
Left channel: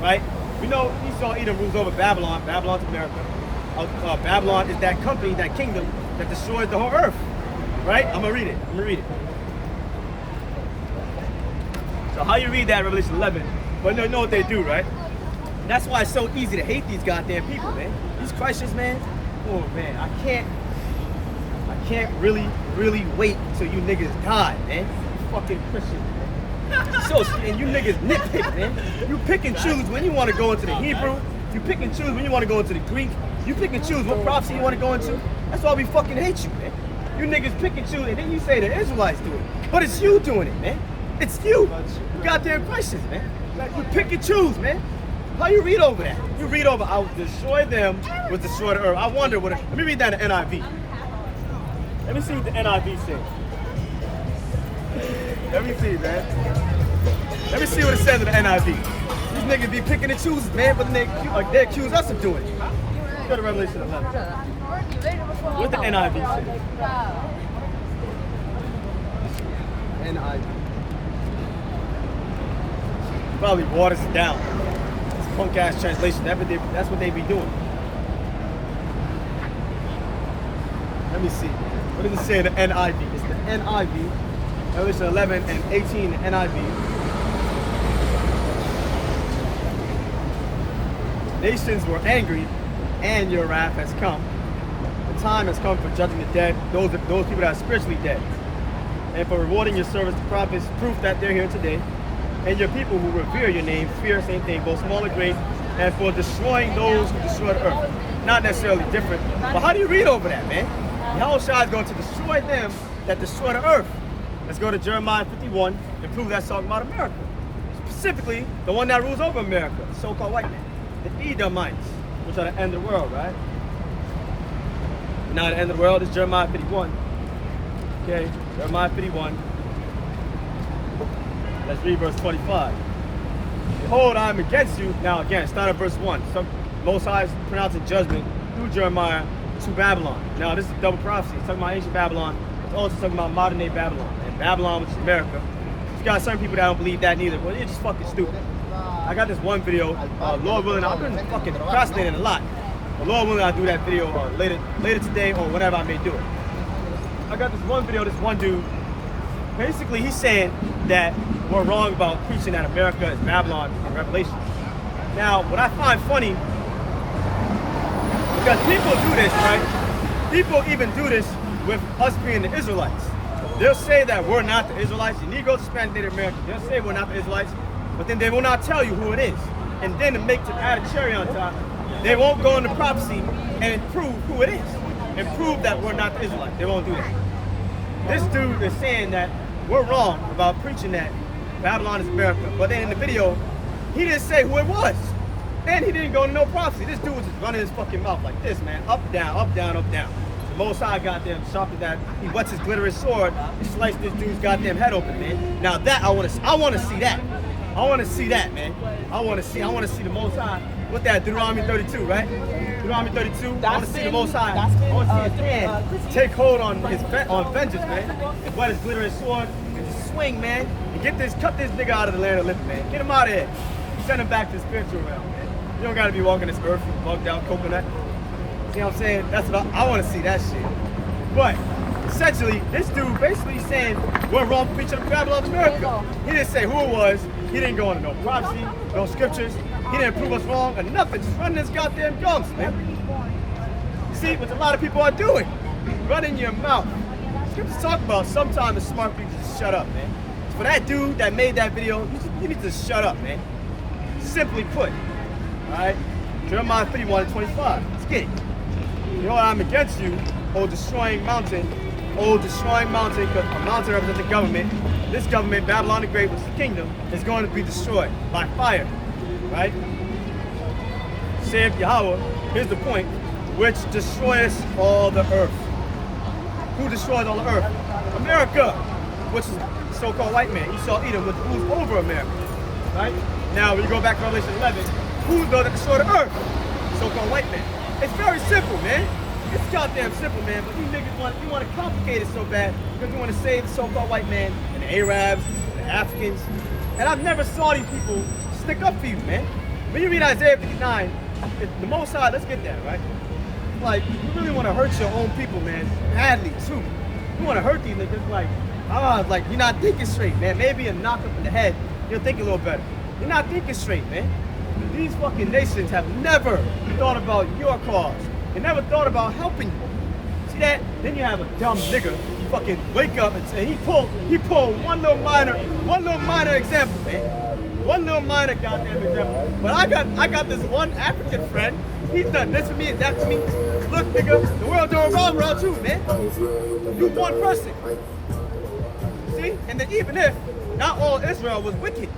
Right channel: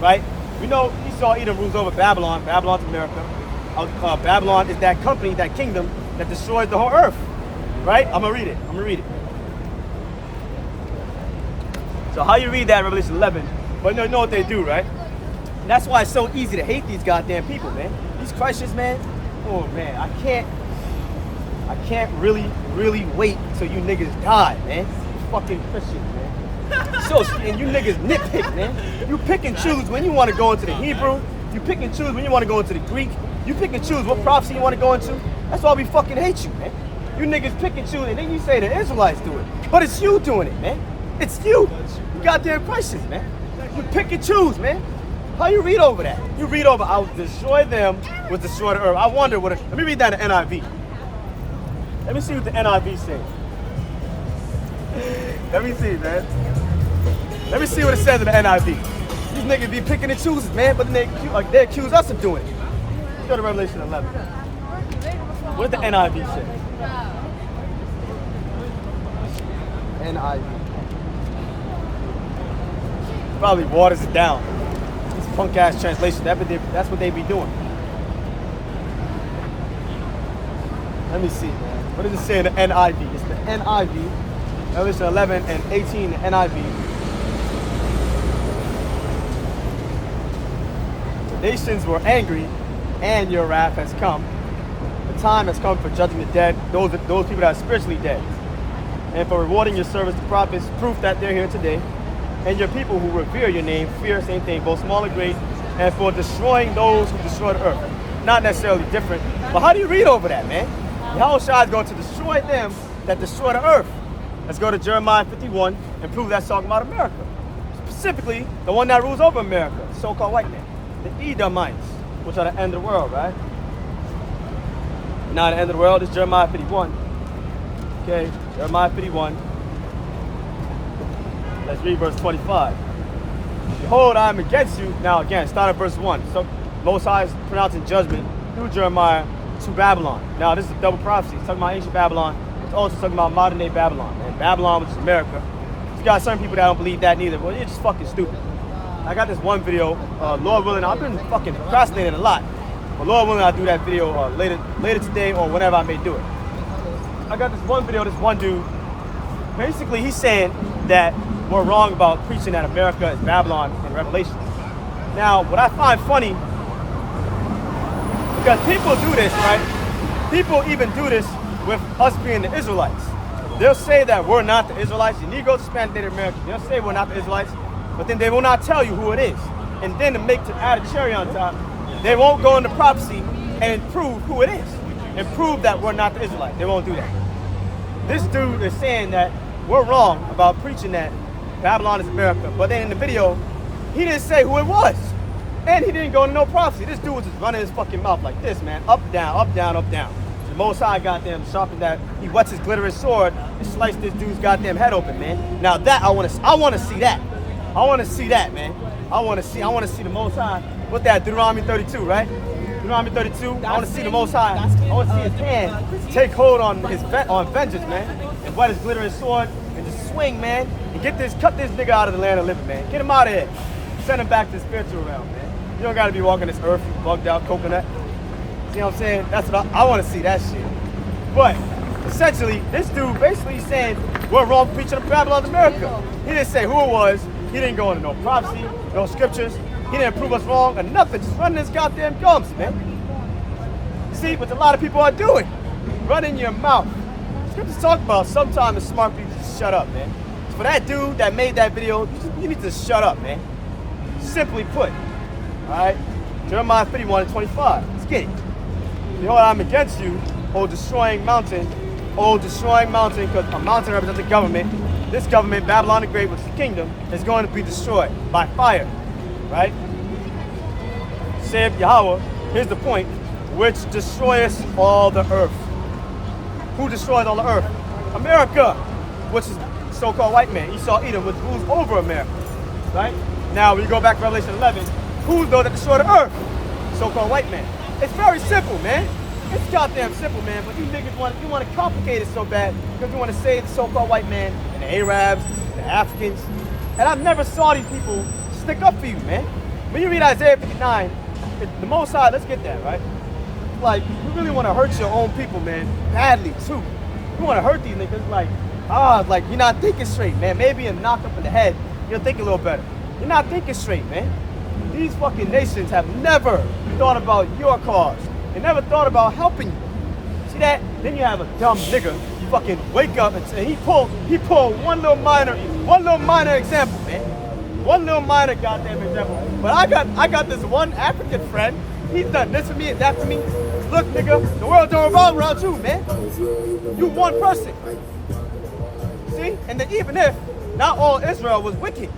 right? You know, Esau Edom rules over Babylon. Babylon's America. Babylon is that company, that kingdom that destroyed the whole earth, right? I'm gonna read it. So how you read that in Revelation 11? But you know what they do, right? And that's why it's so easy to hate these goddamn people, man. These Christians, man. Oh man, I can't really wait until you niggas die, man. You fucking Christians, man. So and you niggas nitpick, man. You pick and choose when you want to go into the Hebrew. You pick and choose when you want to go into the Greek. You pick and choose what prophecy you want to go into. That's why we fucking hate you, man. You niggas pick and choose, and then you say the Israelites do it. But it's you doing it, man. It's you. You goddamn Christians, man. You pick and choose, man. How you read over that? You read over, I will destroy them with destroy the earth. I wonder what let me read that in NIV. Let me see what the NIV says. Let me see, man. Let me see what it says in the NIV. These niggas be picking and choosing, man, but then they accuse us of doing it. Let's go to Revelation 11. What did the NIV say? NIV. Probably waters it down. This punk ass translation. That's what they be doing. Let me see, man. What does it say in the NIV? It's the NIV. Revelation 11 and 18, the NIV. The nations were angry, and your wrath has come. The time has come for judging the dead, those people that are spiritually dead, and for rewarding your servants, the prophets, proof that they're here today, and your people who revere your name, fear same thing, both small and great, and for destroying those who destroy the earth. Not necessarily different, but how do you read over that, man? Yahushua is going to destroy them that destroy the earth. Let's go to Jeremiah 51 and prove that's talking about America. Specifically, the one that rules over America, the so-called white man. The Edomites, which are the end of the world, right? Now, the end of the world is Jeremiah 51. Okay, Jeremiah 51. Let's read verse 25. Behold, I am against you. Now, again, start at verse 1. So, Most High is pronouncing judgment through Jeremiah to Babylon. Now, this is a double prophecy. It's talking about ancient Babylon. It's also talking about modern day Babylon. And Babylon, which is America. You got certain people that don't believe that neither, but it's just fucking stupid. I got this one video, Lord willing, I've been fucking procrastinating a lot. But Lord willing, I'll do that video later today or whenever I may do it. I got this one video, this one dude, basically he's saying that we're wrong about preaching that America is Babylon in Revelation. Now, what I find funny, because people do this, right? People even do this with us being the Israelites. They'll say that we're not the Israelites. The Negroes, Spanish, Native Americans, they'll say we're not the Israelites, but then they will not tell you who it is. And then to add a cherry on top, they won't go into prophecy and prove who it is. And prove that we're not the Israelites. They won't do that. This dude is saying that we're wrong about preaching that Babylon is America. But then in the video, he didn't say who it was. And he didn't go into no prophecy. This dude was just running his fucking mouth like this, man. Up, down, up, down, up, down. The Most High goddamn sharpened that. He wets his glittering sword and sliced this dude's goddamn head open, man. Now that I want to see that. I want to see that, man. I want to see the Most High. What that? Deuteronomy 32, right? Deuteronomy 32. I want to see the Most High. I want to see his hand take hold on vengeance, man, and wet his glittering sword and just swing, man, and cut this nigga out of the land of living, man. Get him out of here. Send him back to the spiritual realm, man. You don't gotta be walking this earth bugged out coconut. See what I'm saying? That's what I want to see, that shit. But essentially, this dude basically saying we're wrong preaching the Babylon of America. He didn't say who it was. He didn't go into no prophecy, no scriptures. He didn't prove us wrong or nothing. Just running his goddamn gums, man. See what a lot of people are doing. Running your mouth. Scriptures talk about sometimes the smart people just shut up, man. So for that dude that made that video, you need to shut up, man. Simply put. Alright? Jeremiah 31:25. Let's get it. You know what? I'm against you, O destroying mountain. O destroying mountain, because a mountain represents the government. This government, Babylon the Great, which is the kingdom, is going to be destroyed by fire. Right? Saith Yahweh, here's the point, which destroys all the earth. Who destroys all the earth? America, which is so-called white man. Esau, Edom, which rules over America. Right? Now, we go back to Revelation 11. Who's those that destroy the earth? So-called white man. It's very simple, man. It's goddamn simple, man. But you niggas want to complicate it so bad because you want to save the so-called white man and the Arabs and the Africans. And I've never saw these people stick up for you, man. When you read Isaiah 59, the Most High, let's get that, right? Like, you really want to hurt your own people, man, badly, too. You want to hurt these niggas, like, you're not thinking straight, man. Maybe a knock up in the head, you'll think a little better. You're not thinking straight, man. These fucking nations have never thought about your cause. They never thought about helping you. See that? Then you have a dumb nigga, you fucking wake up and say, he pulled one little minor example, man. One little minor goddamn example. But I got this one African friend. He's done this for me and that for me. Look, nigga, the world don't revolve around you, man. You one person. See? And then even if not all Israel was wicked.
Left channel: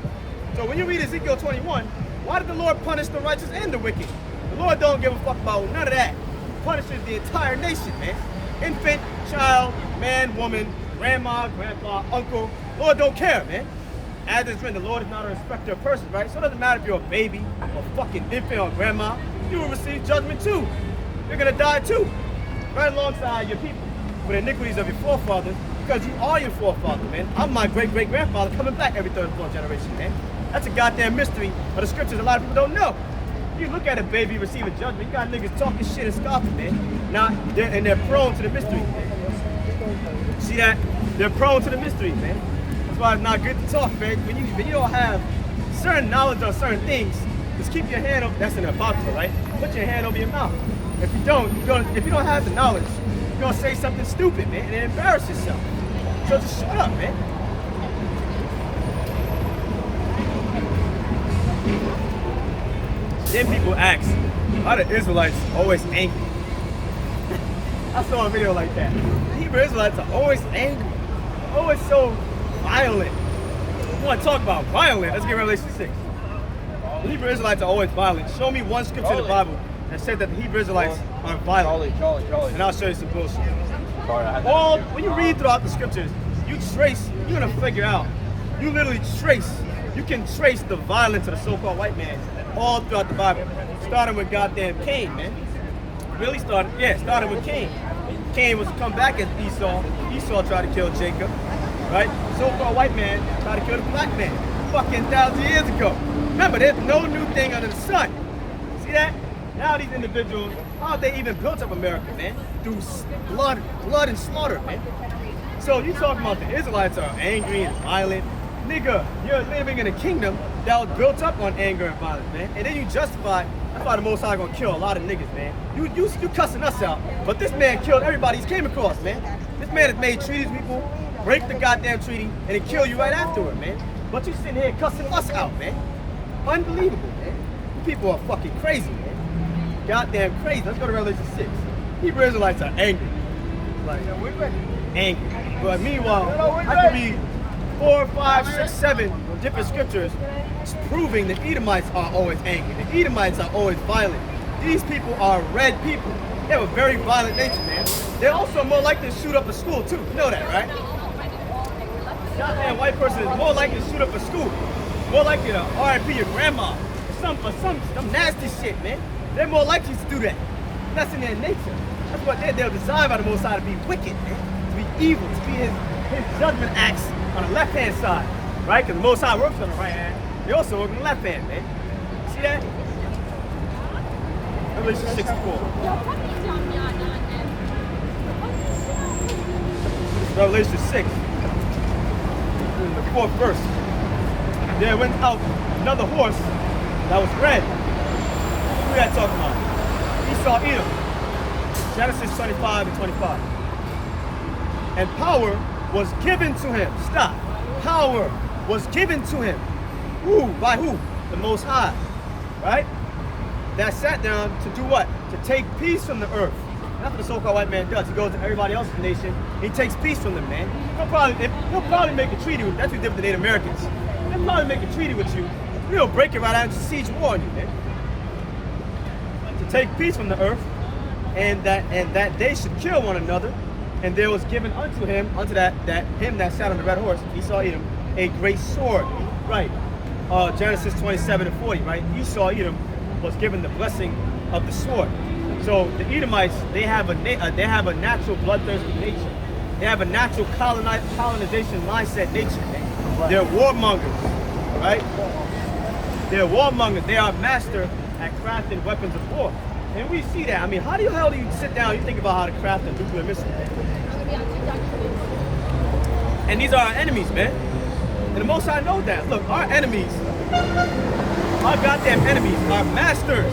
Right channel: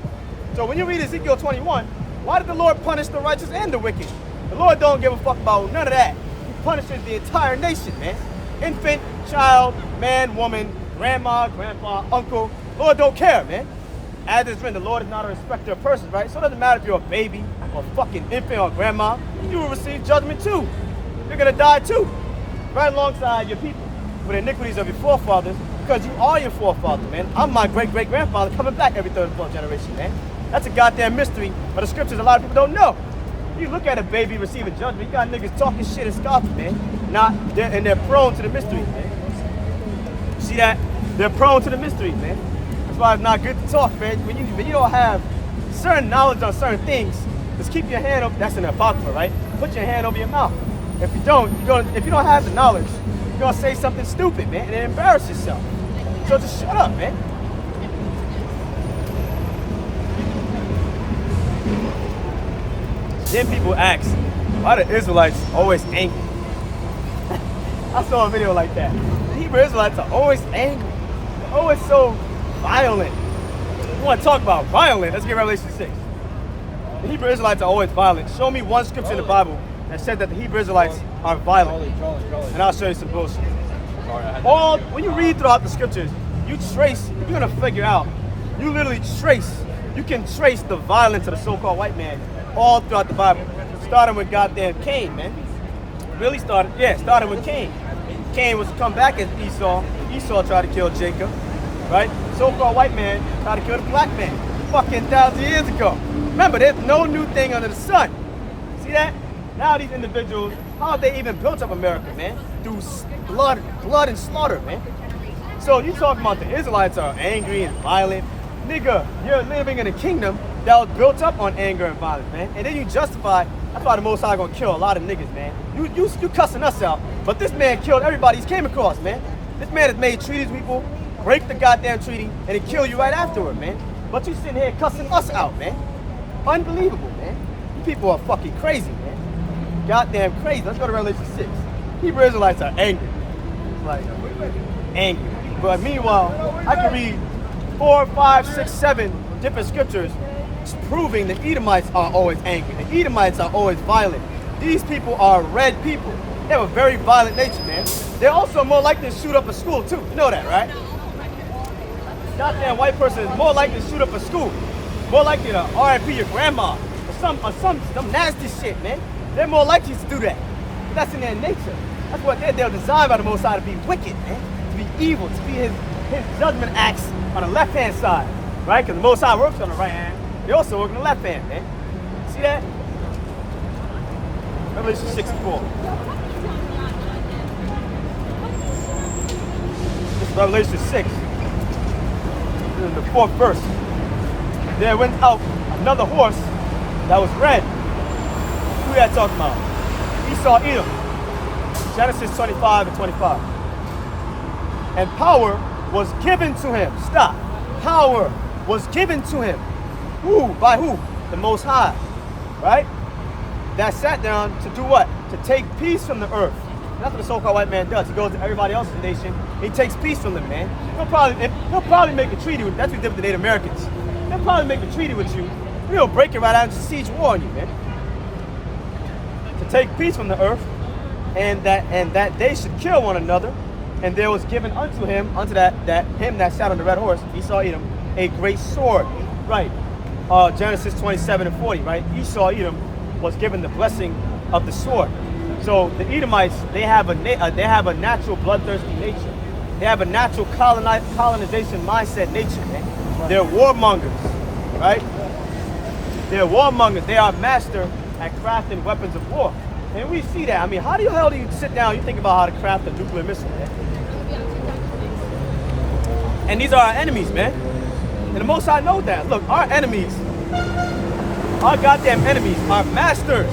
So when you read Ezekiel 21, why did the Lord punish the righteous and the wicked? The Lord don't give a fuck about none of that. He punishes the entire nation, man. Infant, child, man, woman, grandma, grandpa, uncle. Lord don't care, man. As it's written, the Lord is not a respecter of persons, right? So it doesn't matter if you're a baby or fucking infant or grandma. You will receive judgment too. You're going to die too. Right alongside your people with iniquities of your forefathers, because you are your forefather, man. I'm my great-great-grandfather coming back every third and fourth generation, man. That's a goddamn mystery of the scriptures a lot of people don't know. You look at a baby receiving judgment, you got niggas talking shit and scoffing, man. They're prone to the mystery, man. See that? They're prone to the mystery, man. That's why it's not good to talk, man. When you don't have certain knowledge on certain things, just keep your hand over. That's an apocrypha, right? Put your hand over your mouth. If you don't have the knowledge, you're gonna say something stupid, man, and embarrass yourself. So just shut up, man. Then people ask, why the Israelites always angry? I saw a video like that. Hebrew Israelites are always angry. They're always so violent. You want to talk about violent? Let's get Revelation 6. The Hebrew Israelites are always violent. Show me one scripture in the Bible that said that the Hebrew Israelites are violent. And I'll show you some bullshit. When you read throughout the scriptures, you're gonna figure out, you can trace the violence of the so-called white man all throughout the Bible. Starting with goddamn Cain, man. Really starting with Cain. Cain was to come back as Esau. Esau tried to kill Jacob, right? So-called white man tried to kill the black man fucking 1,000 years ago. Remember, there's no new thing under the sun. See that? Now these individuals, how have they even built up America, man? Through blood and slaughter, man. So you talking about the Israelites are angry and violent. Nigga, you're living in a kingdom that was built up on anger and violence, man. And then you justify, that's why the Most High gonna kill a lot of niggas, man. You cussing us out, but this man killed everybody he's came across, man. This man has made treaties with people, break the goddamn treaty, and then kill you right afterward, man. But you sitting here cussing us out, man. Unbelievable, man. You people are fucking crazy, man. Goddamn crazy. Let's go to Revelation 6. Hebrew Israelites are angry. Like, angry. But meanwhile, I can read 4, 5, 6, 7 different scriptures proving the Edomites are always angry. The Edomites are always violent. These people are red people. They have a very violent nature, man. They're also more likely to shoot up a school, too. You know that, right? Goddamn white person is more likely to shoot up a school. More likely to RIP your grandma. Or some nasty shit, man. They're more likely to do that. That's in their nature. That's what they're designed by the Most High to be wicked, man. To be evil, to be his judgment acts on the left-hand side, right? Because the Most High works on the right hand. They also work on the left hand, man. See that? Revelation 64. This is Revelation 6. This is the 4th verse. There went out another horse that was red. Who that talking about? Esau Edom. Genesis 25 and 25. And power was given to him. Stop. Power was given to him. Who? By who? The Most High. Right? That sat down to do what? To take peace from the earth. That's what the so-called white man does. He goes to everybody else's nation. He takes peace from them, man. He'll probably make a treaty with you. That's what he did with the Native Americans. He'll probably make a treaty with you. He'll break it right out and siege war on you, man. To take peace from the earth, and that they should kill one another. And there was given unto him, that sat on the red horse, Esau Edom, a great sword. Right. Genesis 27 and 40, right? Esau Edom was given the blessing of the sword. So the Edomites, they have a natural bloodthirsty nature. They have a natural colonization mindset nature. They're warmongers, right? They're warmongers. They are master at crafting weapons of war. And we see that. I mean, how the hell do you sit down and you think about how to craft a nuclear missile, man? And these are our enemies, man. And the Most High knows that. Look, our enemies, our goddamn enemies, are masters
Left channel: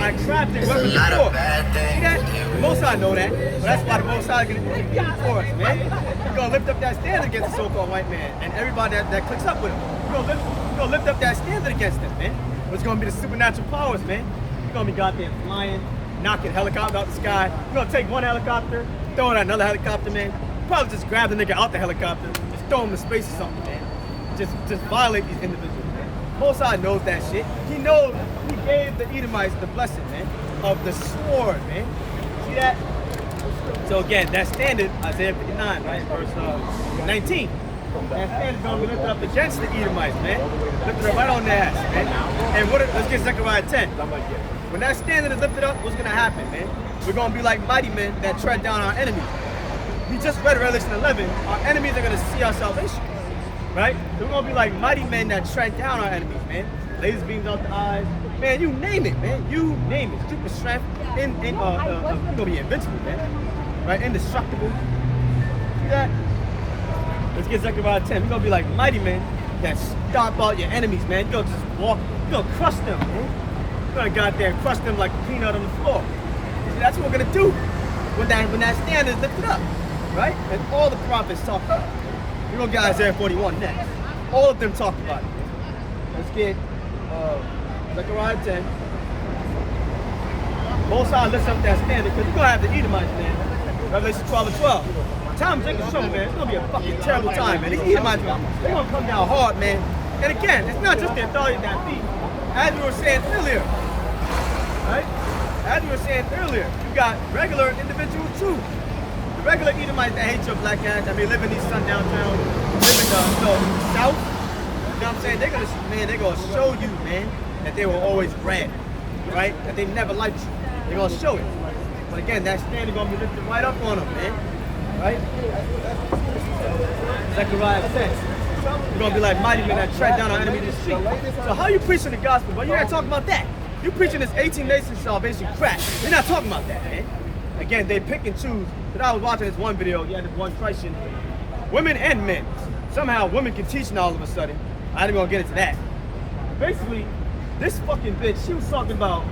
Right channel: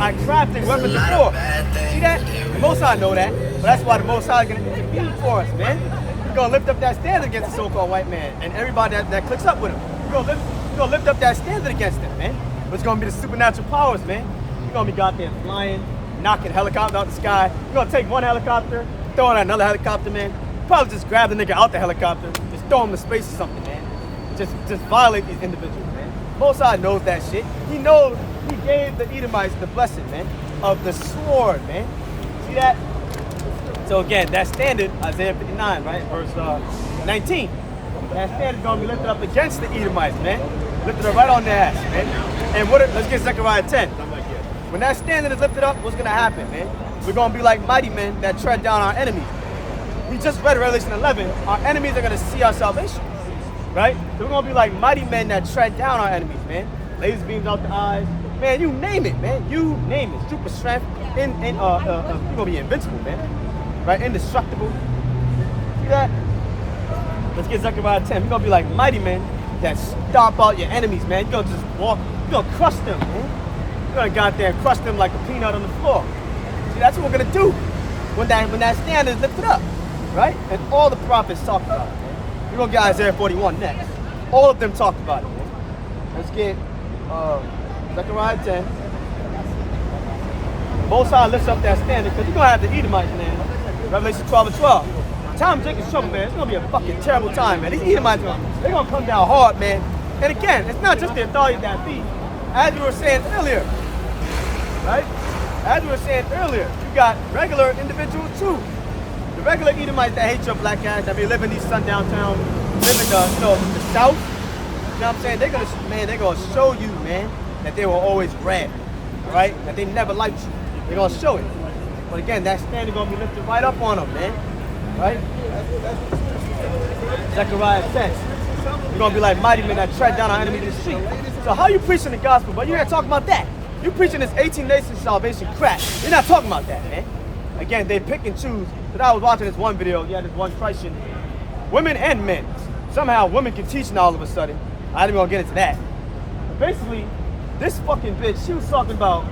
at crafting weapons of war. See that? The Most High know that. But that's why the Most High is going to intervene for us, man. He's going to lift up that standard against the so-called white man and everybody that clicks up with him. He's going to lift up that standard against them, man. It's going to be the supernatural powers, man. You're going to be goddamn flying, knocking helicopters out the sky. You're going to take one helicopter, throw it at another helicopter, man. Probably just grab the nigga out the helicopter, just throw him to space or something, man. Just violate these individuals, man. Most High knows that shit. He knows he gave the Edomites the blessing, man, of the sword, man. See that? So again, that standard, Isaiah 59, right, verse 19. That standard going to be lifted up against the Edomites, man. Lifted up right on their ass, man. And let's get Zechariah 10. When that standard is lifted up, what's going to happen, man? We're going to be like mighty men that tread down our enemies. We just read Revelation 11. Our enemies are going to see our salvation, right? So we're going to be like mighty men that tread down our enemies, man. Laser beams out the eyes. Man, you name it, man. You name it. Super strength. You're going to be invincible, man. Right? Indestructible. See that? Let's get Zechariah 10. We're going to be like mighty men that stomp out your enemies, man. You're going to just walk. You're going to crush them, man. You're going to goddamn crush them like a peanut on the floor. See, that's what we're going to do when that standard is lifted up, right? And all the prophets talk about it, man. We're going to get Isaiah 41 next. All of them talked about it, man. Let's get Zechariah 10. Most High lifts up that standard because we're going to have the Edomites, man. Revelation 12 and 12. Time Jacob's trouble, man. It's going to be a fucking terrible time, man. These Edomites, they're going to come down hard, man. And again, it's not just the authority that beat. As you were saying earlier, right? as we were saying earlier, you got regular individuals too. The regular Edomites that hate your black ass, that may live in these sundown towns, live in the, the South. You know what I'm saying? They're gonna show you, man, that they were always red, right? That they never liked you. They're gonna show it. But again, that standard gonna be lifted right up on them, man. Right? Zechariah 10. You're gonna be like mighty men that tread down our enemy to the street. So how you preaching the gospel, but you're not talking about that. You preaching this 18 nation salvation crap. You're not talking about that, man. Again, they pick and choose. Because I was watching this one video, you had this one Christian, women and men. Somehow women can teach now all of a sudden. I ain't even gonna get into that. But basically, this fucking bitch, she was talking about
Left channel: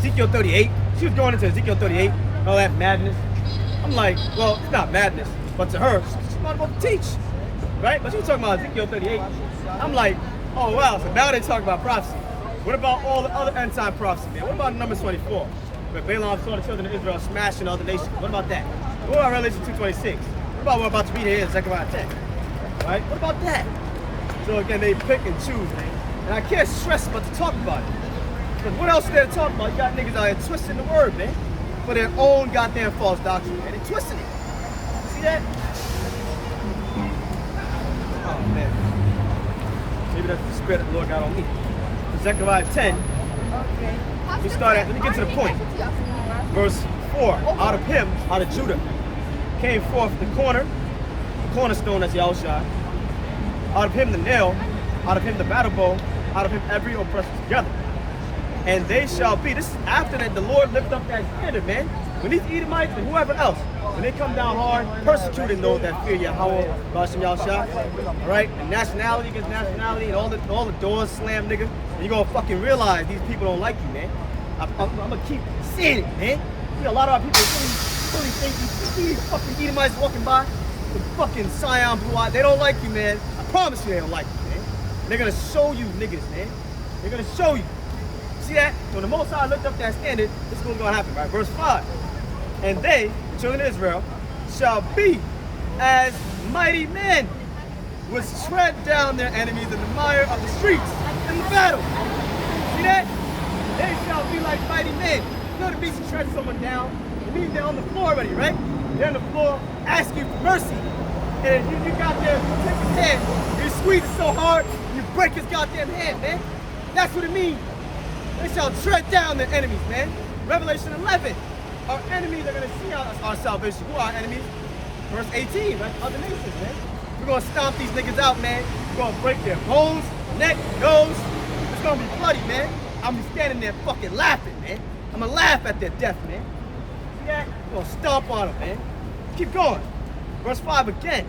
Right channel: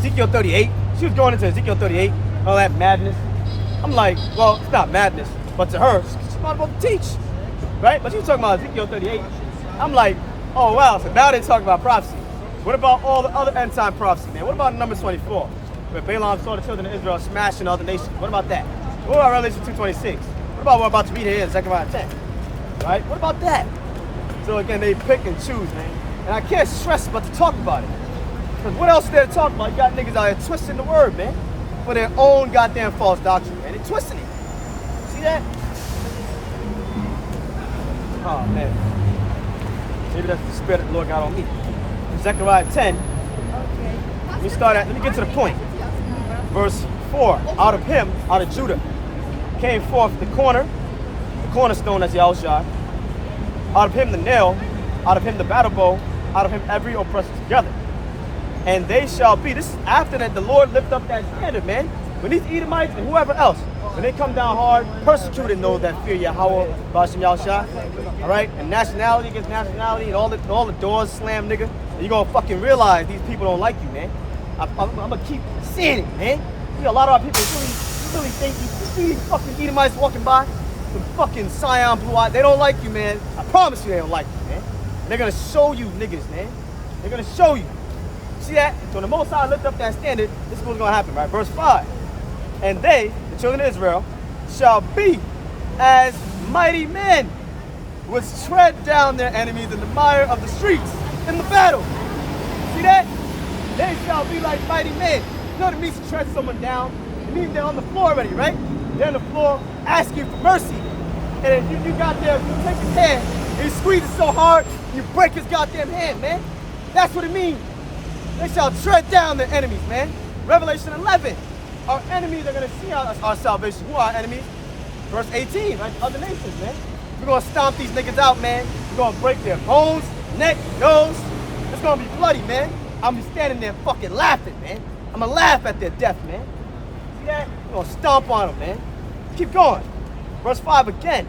Ezekiel 38. She was going into Ezekiel 38, all that madness. I'm like, well, it's not madness, but to her, she's not about to teach, right? But she was talking about Ezekiel 38. I'm like, oh wow, so now they're talking about prophecy. What about all the other end time prophecy, man? What about Numbers 24, where Balaam saw the children of Israel smashing other nations? What about that? What about Revelation 2:26? What about what we're about to read here in Zechariah 10? Right? What about that? So again, they pick and choose, man. And I can't stress but to talk about it. Because what else is there to talk about? You got niggas out here twisting the word, man. For their own goddamn false doctrine, man. They're twisting it. See that? Oh, man. Maybe that's the spirit that the Lord got on me. Zechariah 10. Let me get to the point. Verse 4. Out of him, out of Judah, came forth the cornerstone as Yahushua. Out of him the nail, out of him the battle bow, out of him every oppressor together. And they shall be, this is after that the Lord lift up that standard, man. When these Edomites and whoever else, when they come down hard, persecuting those that fear Yahweh, Bashim Yahushua, all right? And nationality against nationality, and all the doors slam, nigga. And you're gonna fucking realize these people don't like you, man. I'm gonna keep seeing it, man. You know, a lot of our people really think you see these fucking Edomites walking by with fucking cyan blue eyes. They don't like you, man. I promise you they don't like you, man. And they're gonna show you niggas, man. They're gonna show you. See that? So when the Most High lift up that standard, this is what's gonna happen, right? Verse 5. And they, the children of Israel, shall be as mighty men, which tread down their enemies in the mire of the streets in the battle. See that? They shall be like mighty men. You know what it means to tread someone down? It means they're on the floor already, right? They're on the floor asking for mercy. And if you goddamn take his hand, and you squeeze it so hard, you break his goddamn hand, man. That's what it means. They shall tread down their enemies, man. Revelation 11. Our enemies are going to see our salvation. Who are our enemies? Verse 18, right? Other nations, man. We're going to stomp these niggas out, man. We're going to break their bones, neck, nose. It's going to be bloody, man. I'm going to be standing there fucking laughing, man. I'm going to laugh at their death, man. See that? We're going to stomp on them, man. Keep going. Verse 5 again.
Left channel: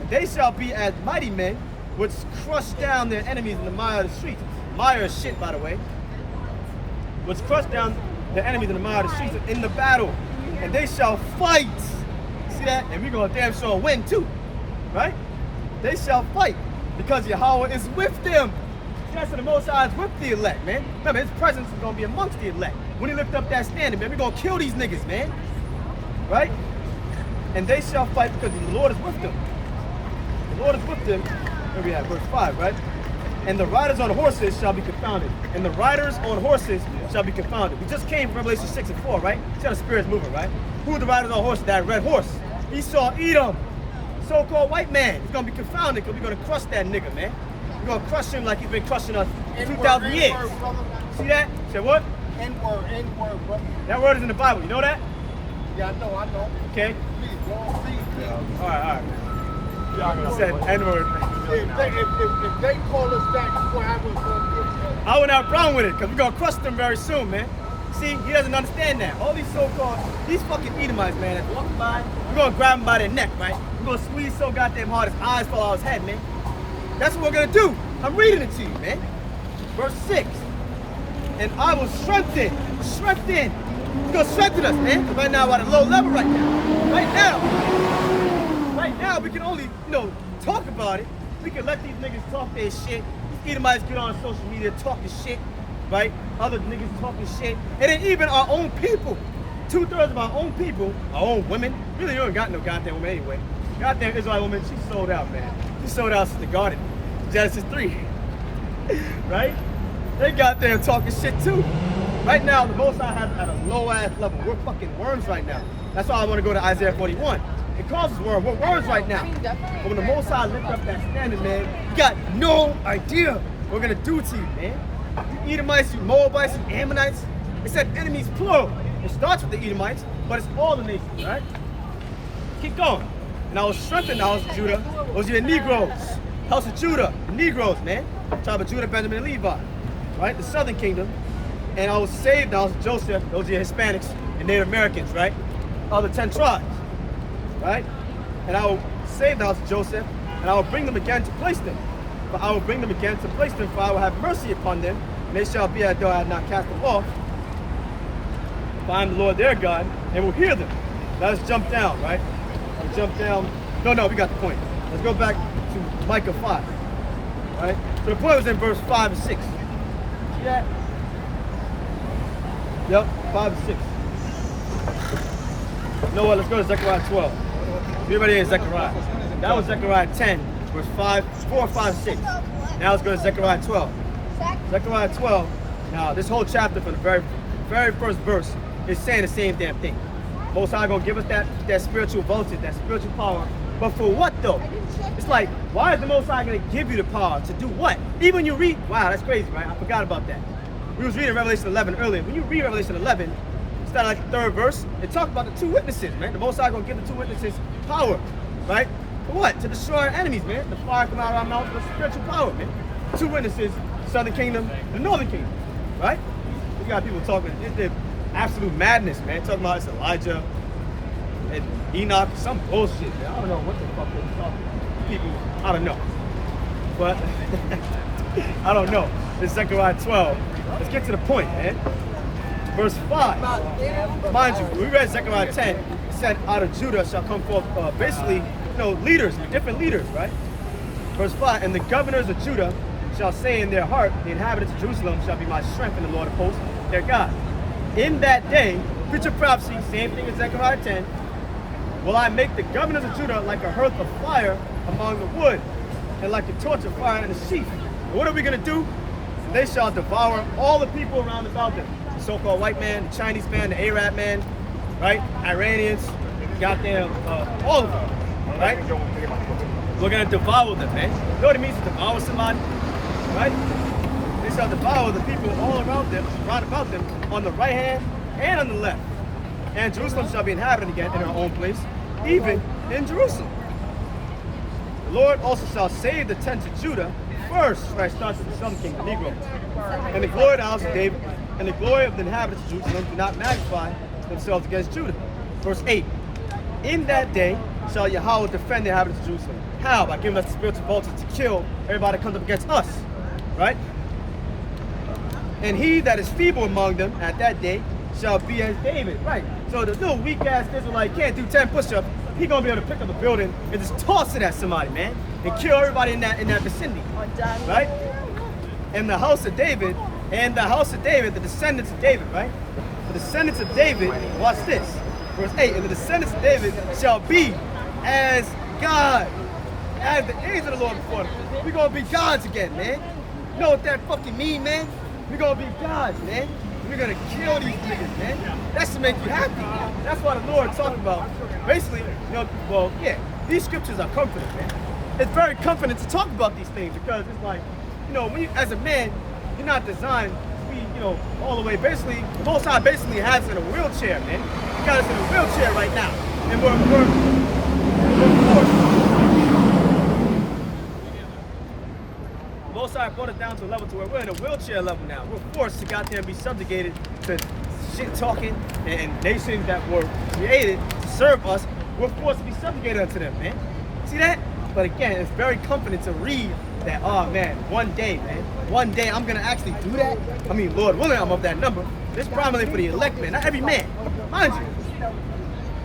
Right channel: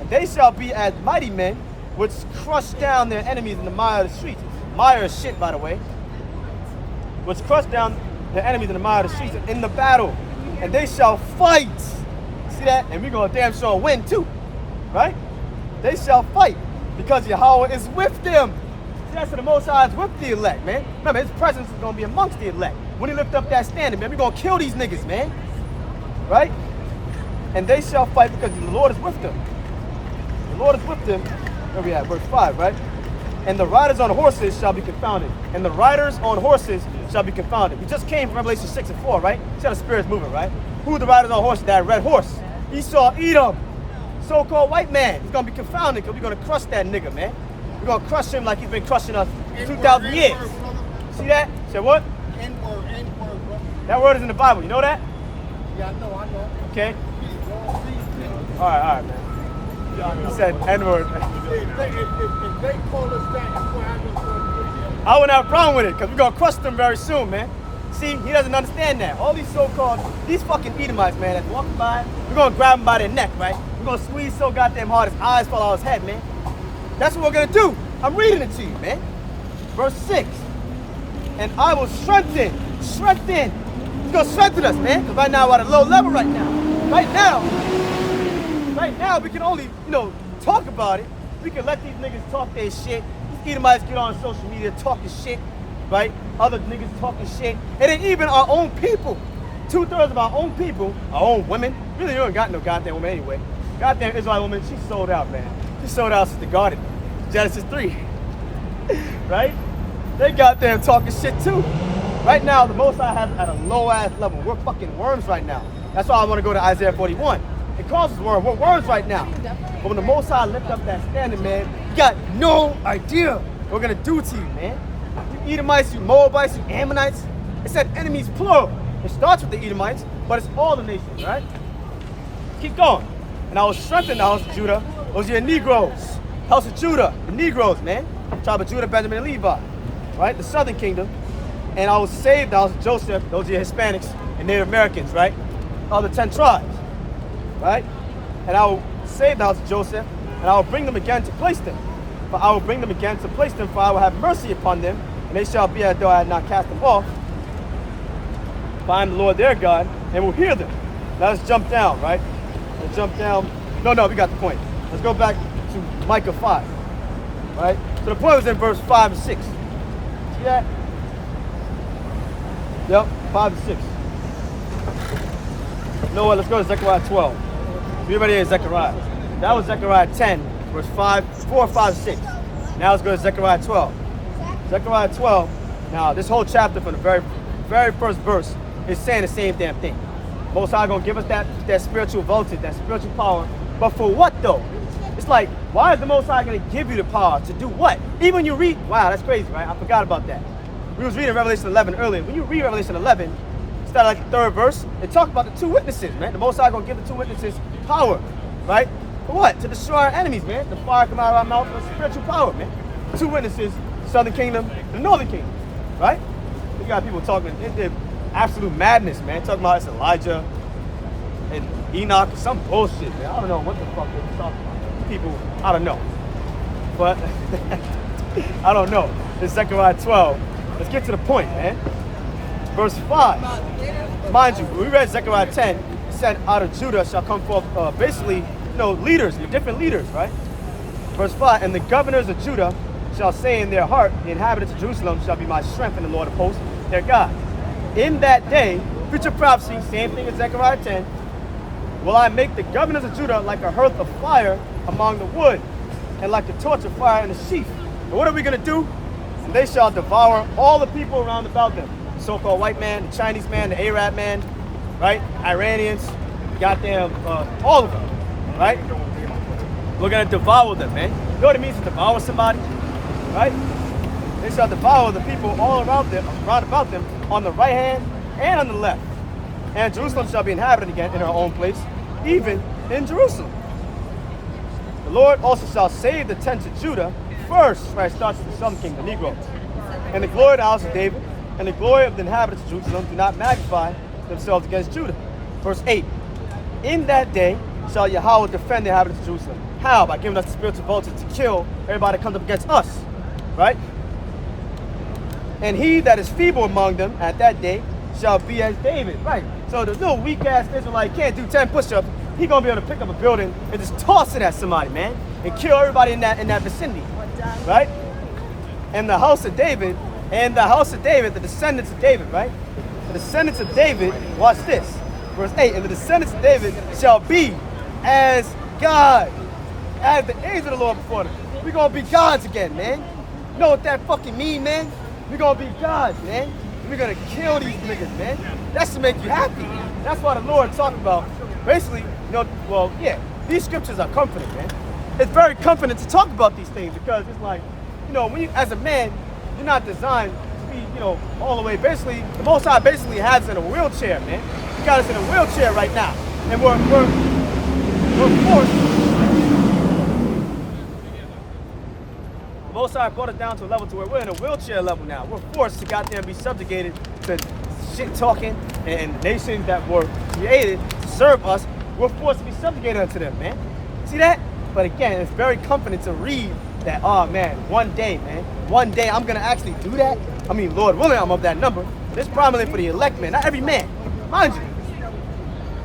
And they shall be as mighty men, which crush down their enemies in the mire of the streets. Mire is shit, by the way. Which crush down the enemies in the mire of the streets in the battle, and they shall fight. See that? And we're gonna damn sure win too, right? They shall fight because Yahweh is with them. See, that's the Most High is with the elect, man. Remember, His presence is gonna be amongst the elect. When He lift up that standard, man, we're gonna kill these niggas, man. Right? And they shall fight because the Lord is with them. The Lord is with them. There we have verse 5, right? And the riders on horses shall be confounded. And the riders on horses shall be confounded. We just came from Revelation 6 and 4, right? See how the Spirit's moving, right? Who are the riders on horses? That red horse. Esau, Edom, so-called white man. He's going to be confounded because we're going to crush that nigga, man. We're going to crush him like he's been crushing us 2,000 years. See that? Say what? N-word, brother. That word is in the Bible. You know that? Yeah, I know. Okay. All right, man. He said N-word. If they call us that, I wouldn't have a problem with it because we're going to crush them very soon, man. See, he doesn't understand that. All these so-called, these fucking Edomites, man, that's walking by, we're going to grab them by their neck, right? We're going to squeeze so goddamn hard his eyes fall out his head, man. That's what we're going to do. I'm reading it to you, man. Verse 6. And I will strengthen. He's going to strengthen us, man. Because right now we're at a low level right now. Right now, we can only, talk about it. We can let these niggas talk their shit. These Edomites get on social media talking shit, right? Other niggas talking shit. And then even our own people, 2/3 of our own people, our own women, really you don't got no goddamn woman anyway. Goddamn Israeli woman, she sold out, man. She sold out since the garden, Genesis 3, right? They got there talking shit too. Right now, the Most High has at a low ass level. We're fucking worms right now. That's why I want to go to Isaiah 41. It calls us worms. We're worms right now. But when the Most High lift up that standard, man, you got no idea what we're gonna do to you, man. You Edomites, you Moabites, you Ammonites. It said enemies plural. It starts with the Edomites, but it's all the nations, right? Keep going. And I will strengthen the house of Judah. Those are your Negroes. House of Judah, the Negroes, man. Tribe of Judah, Benjamin, and Levi, right? The southern kingdom. And I will save the house of Joseph. Those are your Hispanics and Native Americans, right? Of the 10 tribes, right? And I will save the house of Joseph, and I will bring them again to place them. For I will bring them again to place them, for I will have mercy upon them, and they shall be as though I had not cast them off. For I am the Lord their God, and will hear them. Now let's jump down, right? Let's jump down. No, we got the point. Let's go back to Micah 5, right? So the point was in verse 5 and 6. See that? Yep, 5 and 6. You know what? Let's go to Zechariah 12. Everybody in Zechariah. That was Zechariah 10, verse 4, 5, 6. Now let's go to Zechariah 12. Zechariah 12. Now this whole chapter from the very first verse is saying the same damn thing. Most High gonna give us that spiritual voltage, that spiritual power. But for what though? It's like, why is the Most High gonna give you the power to do what? Even when you read, wow, that's crazy, right? I forgot about that. We was reading Revelation 11 earlier. When you read Revelation 11, start like the third verse, it talks about the two witnesses, man. The Most High gonna give the two witnesses power, right? For what? To destroy our enemies, man. The fire come out of our mouth for spiritual power, man. Two witnesses, southern kingdom and northern kingdom, right? We got people talking, it's absolute madness, man. Talking about it's Elijah and Enoch, some bullshit, man. I don't know what the fuck they're talking about. People, I don't know. But, I don't know. It's Zechariah 12. Let's get to the point, man. Verse 5. Mind you, when we read Zechariah 10, it said out of Judah shall come forth basically, leaders, different leaders, right? Verse 5, and the governors of Judah shall say in their heart, the inhabitants of Jerusalem shall be my strength in the Lord of hosts, their God. In that day, future prophecy, same thing as Zechariah 10, will I make the governors of Judah like a hearth of fire among the wood, and like a torch of fire in the sheath. And what are we going to do? They shall devour all the people around about them. The so-called white man, the Chinese man, the Arab man, right? Iranians, goddamn, all of them, right? We're going to devour them, man. You know what it means to devour somebody, right? They shall devour the people all around them, round about them, on the right hand and on the left. And Jerusalem shall be inhabited again in her own place, even in Jerusalem. The Lord also shall save the tents of Judah first, right? Starts with the southern kingdom, the Negroes. And the glory of the house of David, and the glory of the inhabitants of Jerusalem do not magnify themselves against Judah. Verse 8. In that day shall Yahweh defend the inhabitants of Jerusalem. How? By giving us the spiritual voltage to kill everybody that comes up against us, right? And he that is feeble among them at that day shall be as David, right? So the little weak-ass Israelite can't do 10 push-ups. He gonna be able to pick up a building and just toss it at somebody, man, and kill everybody in that vicinity, right? And the house of David, the descendants of David, right? The descendants of David, watch this, verse 8, and the descendants of David shall be as God, as the angels of the Lord before them. We're gonna be gods again, man. You know what that fucking mean, man? We're gonna be gods, man. We're gonna kill these niggas, man. That's to make you happy. That's why the Lord talked about, basically, these scriptures are comforting, man. It's very comforting to talk about these things because it's like, when you, as a man, you're not designed to be, all the way. Basically, the Most High basically has us in a wheelchair, man. He got us in a wheelchair right now, and we're forced. The Most High brought us down to a level to where we're in a wheelchair level now. We're forced to goddamn be subjugated to shit talking and nations that were created to serve us. We're forced to be subjugated to them, man. See that? But again, it's very comforting to read that, oh man, one day I'm gonna actually do that. I mean, Lord willing, I'm of that number. It's primarily for the elect, man, not every man. Mind you,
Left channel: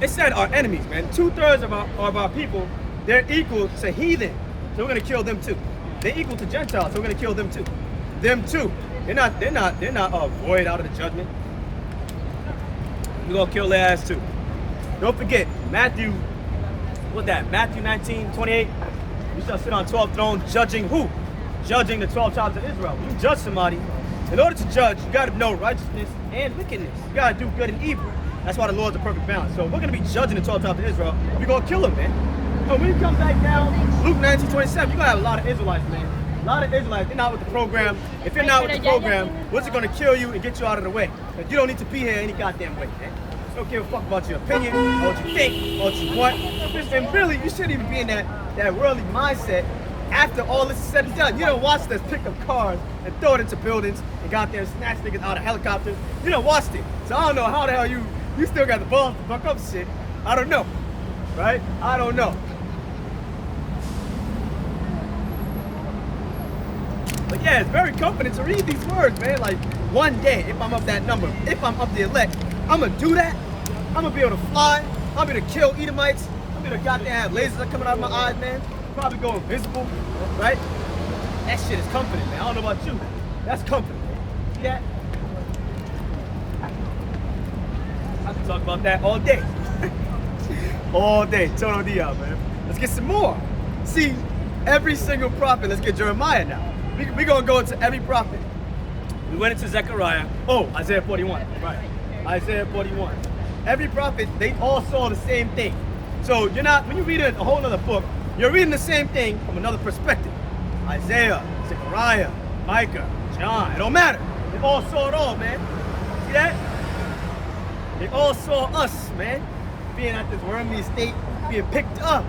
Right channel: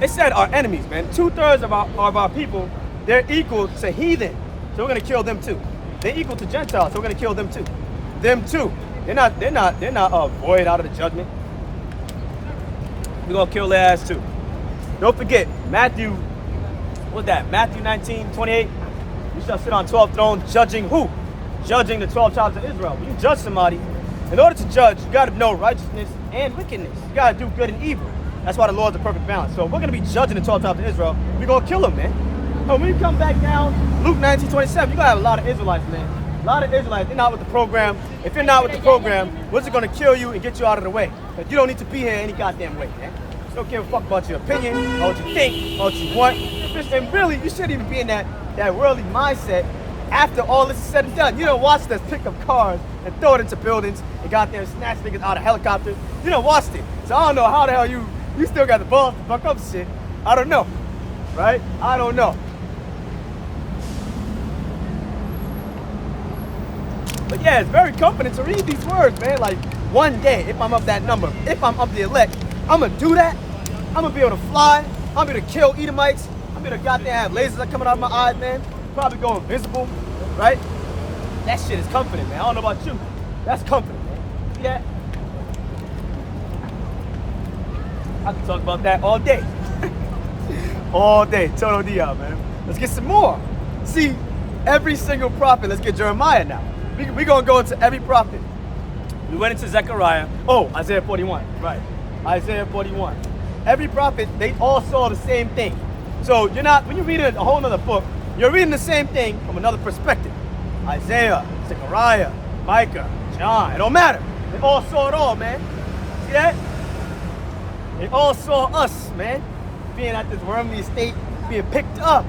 it said our enemies, man. 2/3 of our people, they're equal to heathen. So we're gonna kill them too. They're equal to Gentiles, so we're gonna kill them too. Them too. They're not void out of the judgment. We're gonna kill their ass too. Don't forget, Matthew 19:28. You shall sit on 12 thrones judging who? Judging the 12 tribes of Israel. When you judge somebody, In order to judge, you got to know righteousness and wickedness. You got to do good and evil. That's why the Lord's a perfect balance. So if we're going to be judging the 12 tribes of Israel, we're going to kill them, man. When we come back down, Luke 19:27, we're going to have a lot of Israelites, man. A lot of Israelites, they're not with the program. If you're not with the program, we're just going to kill you and get you out of the way. But you don't need to be here any goddamn way, man. We don't give a fuck about your opinion, or what you think, or what you want. And really, you shouldn't even be in that worldly mindset after all this is said and done. You don't watch us pick up cars and throw it into buildings and got there and snatch niggas out of helicopters. You don't watch it. So I don't know how the hell you still got the balls to fuck up shit. I don't know. Right? I don't know. But yeah, it's very comforting to read these words, man. Like, one day, if I'm of that number, if I'm of the elect, I'm gonna do that. I'm gonna be able to fly. I'm gonna kill Edomites. I'm gonna goddamn have lasers coming out of my eyes, man. Probably go invisible, right? That shit is comforting, man. I don't know about you. That's comforting, man. Yeah. I can talk about that all day. All day. Total Dia, man. Let's get some more. See, every single prophet, let's get Jeremiah now. We're going to go into every prophet. We went into Zechariah. Oh, Isaiah 41. Right. Isaiah 41. Every prophet, they all saw the same thing. So you're not, when you read a whole other book, you're reading the same thing from another perspective. Isaiah, Zechariah, Micah, John, it don't matter. They all saw it all, man. See that? They all saw us, man, being at this wormly state, being picked up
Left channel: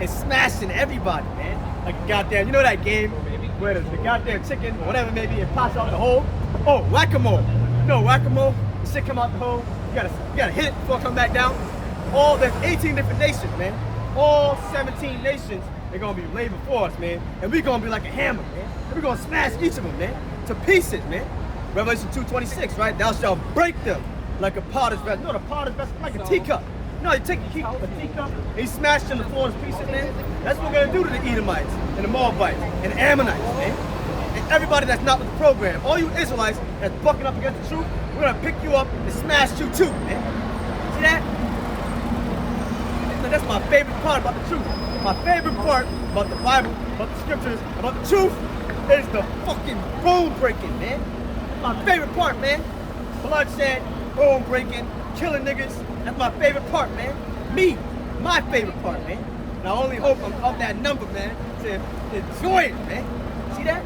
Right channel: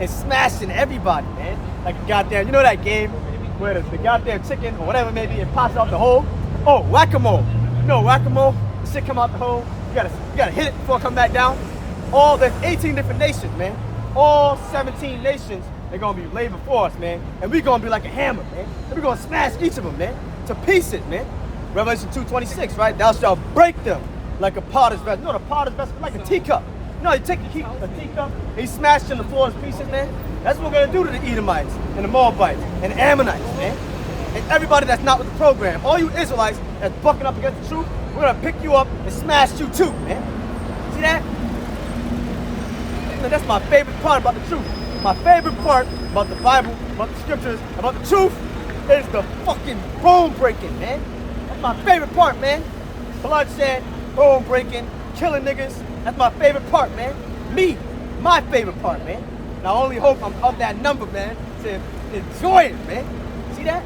and smashing everybody, man. Like the goddamn, you know that game where the goddamn chicken or whatever it may be, it pops out the hole? Oh, whack-a-mole. You know whack-a-mole? The shit come out the hole. You gotta hit it before it come back down. There's 18 different nations, man. All 17 nations, they're gonna be laid before us, man. And we're gonna be like a hammer, man. And we're gonna smash each of them, man, to pieces, man. Revelation 2:26, right? Thou shalt break them like a potter's vessel. You know the potter's vessel, like a teacup. You know, you take a teacup, and you smash them to four pieces, man. That's what we're gonna do to the Edomites and the Moabites and the Ammonites, man. And everybody that's not with the program, all you Israelites that's bucking up against the truth, we're gonna pick you up and smash you too, man. See that? That's my favorite part about the truth. My favorite part about the Bible, about the scriptures, about the truth is the fucking bone breaking, man. That's my favorite part, man. Bloodshed, bone breaking, killing niggas. That's my favorite part, man. Me, my favorite part, man. And I only hope I'm of that number, man, to enjoy it, man. See that?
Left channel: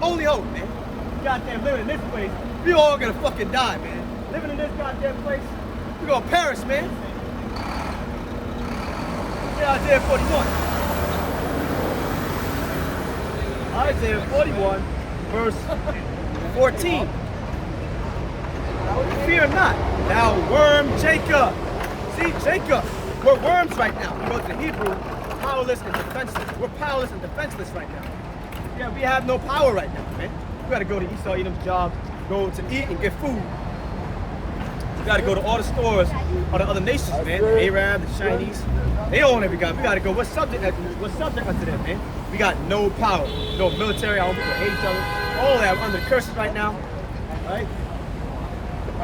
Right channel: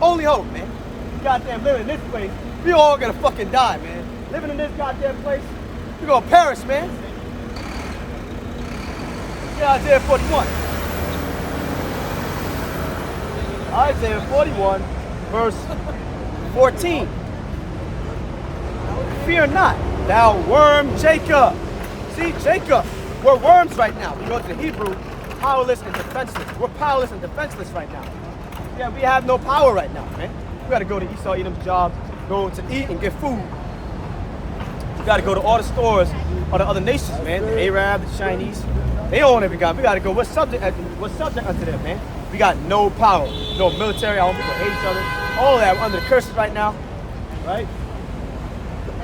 Only hope, man. Goddamn, living in this place, we all gonna fucking die, man. Living in this goddamn place, we gonna perish, man. Yeah, Isaiah 41. Isaiah 41, verse 14. Fear not, thou worm Jacob. See, Jacob, we're worms right now. We go to the Hebrew, powerless and defenseless. We're powerless and defenseless right now. Yeah, we have no power right now, man. We gotta go to Esau Edom's jobs, go to eat and get food. We gotta go to all the stores of the other nations, man. The Arab, the Chinese. They own every guy. We gotta go. We're subject unto them, man. We got no power, no military. Our people hate each other. All that, we're under the curses right now, right?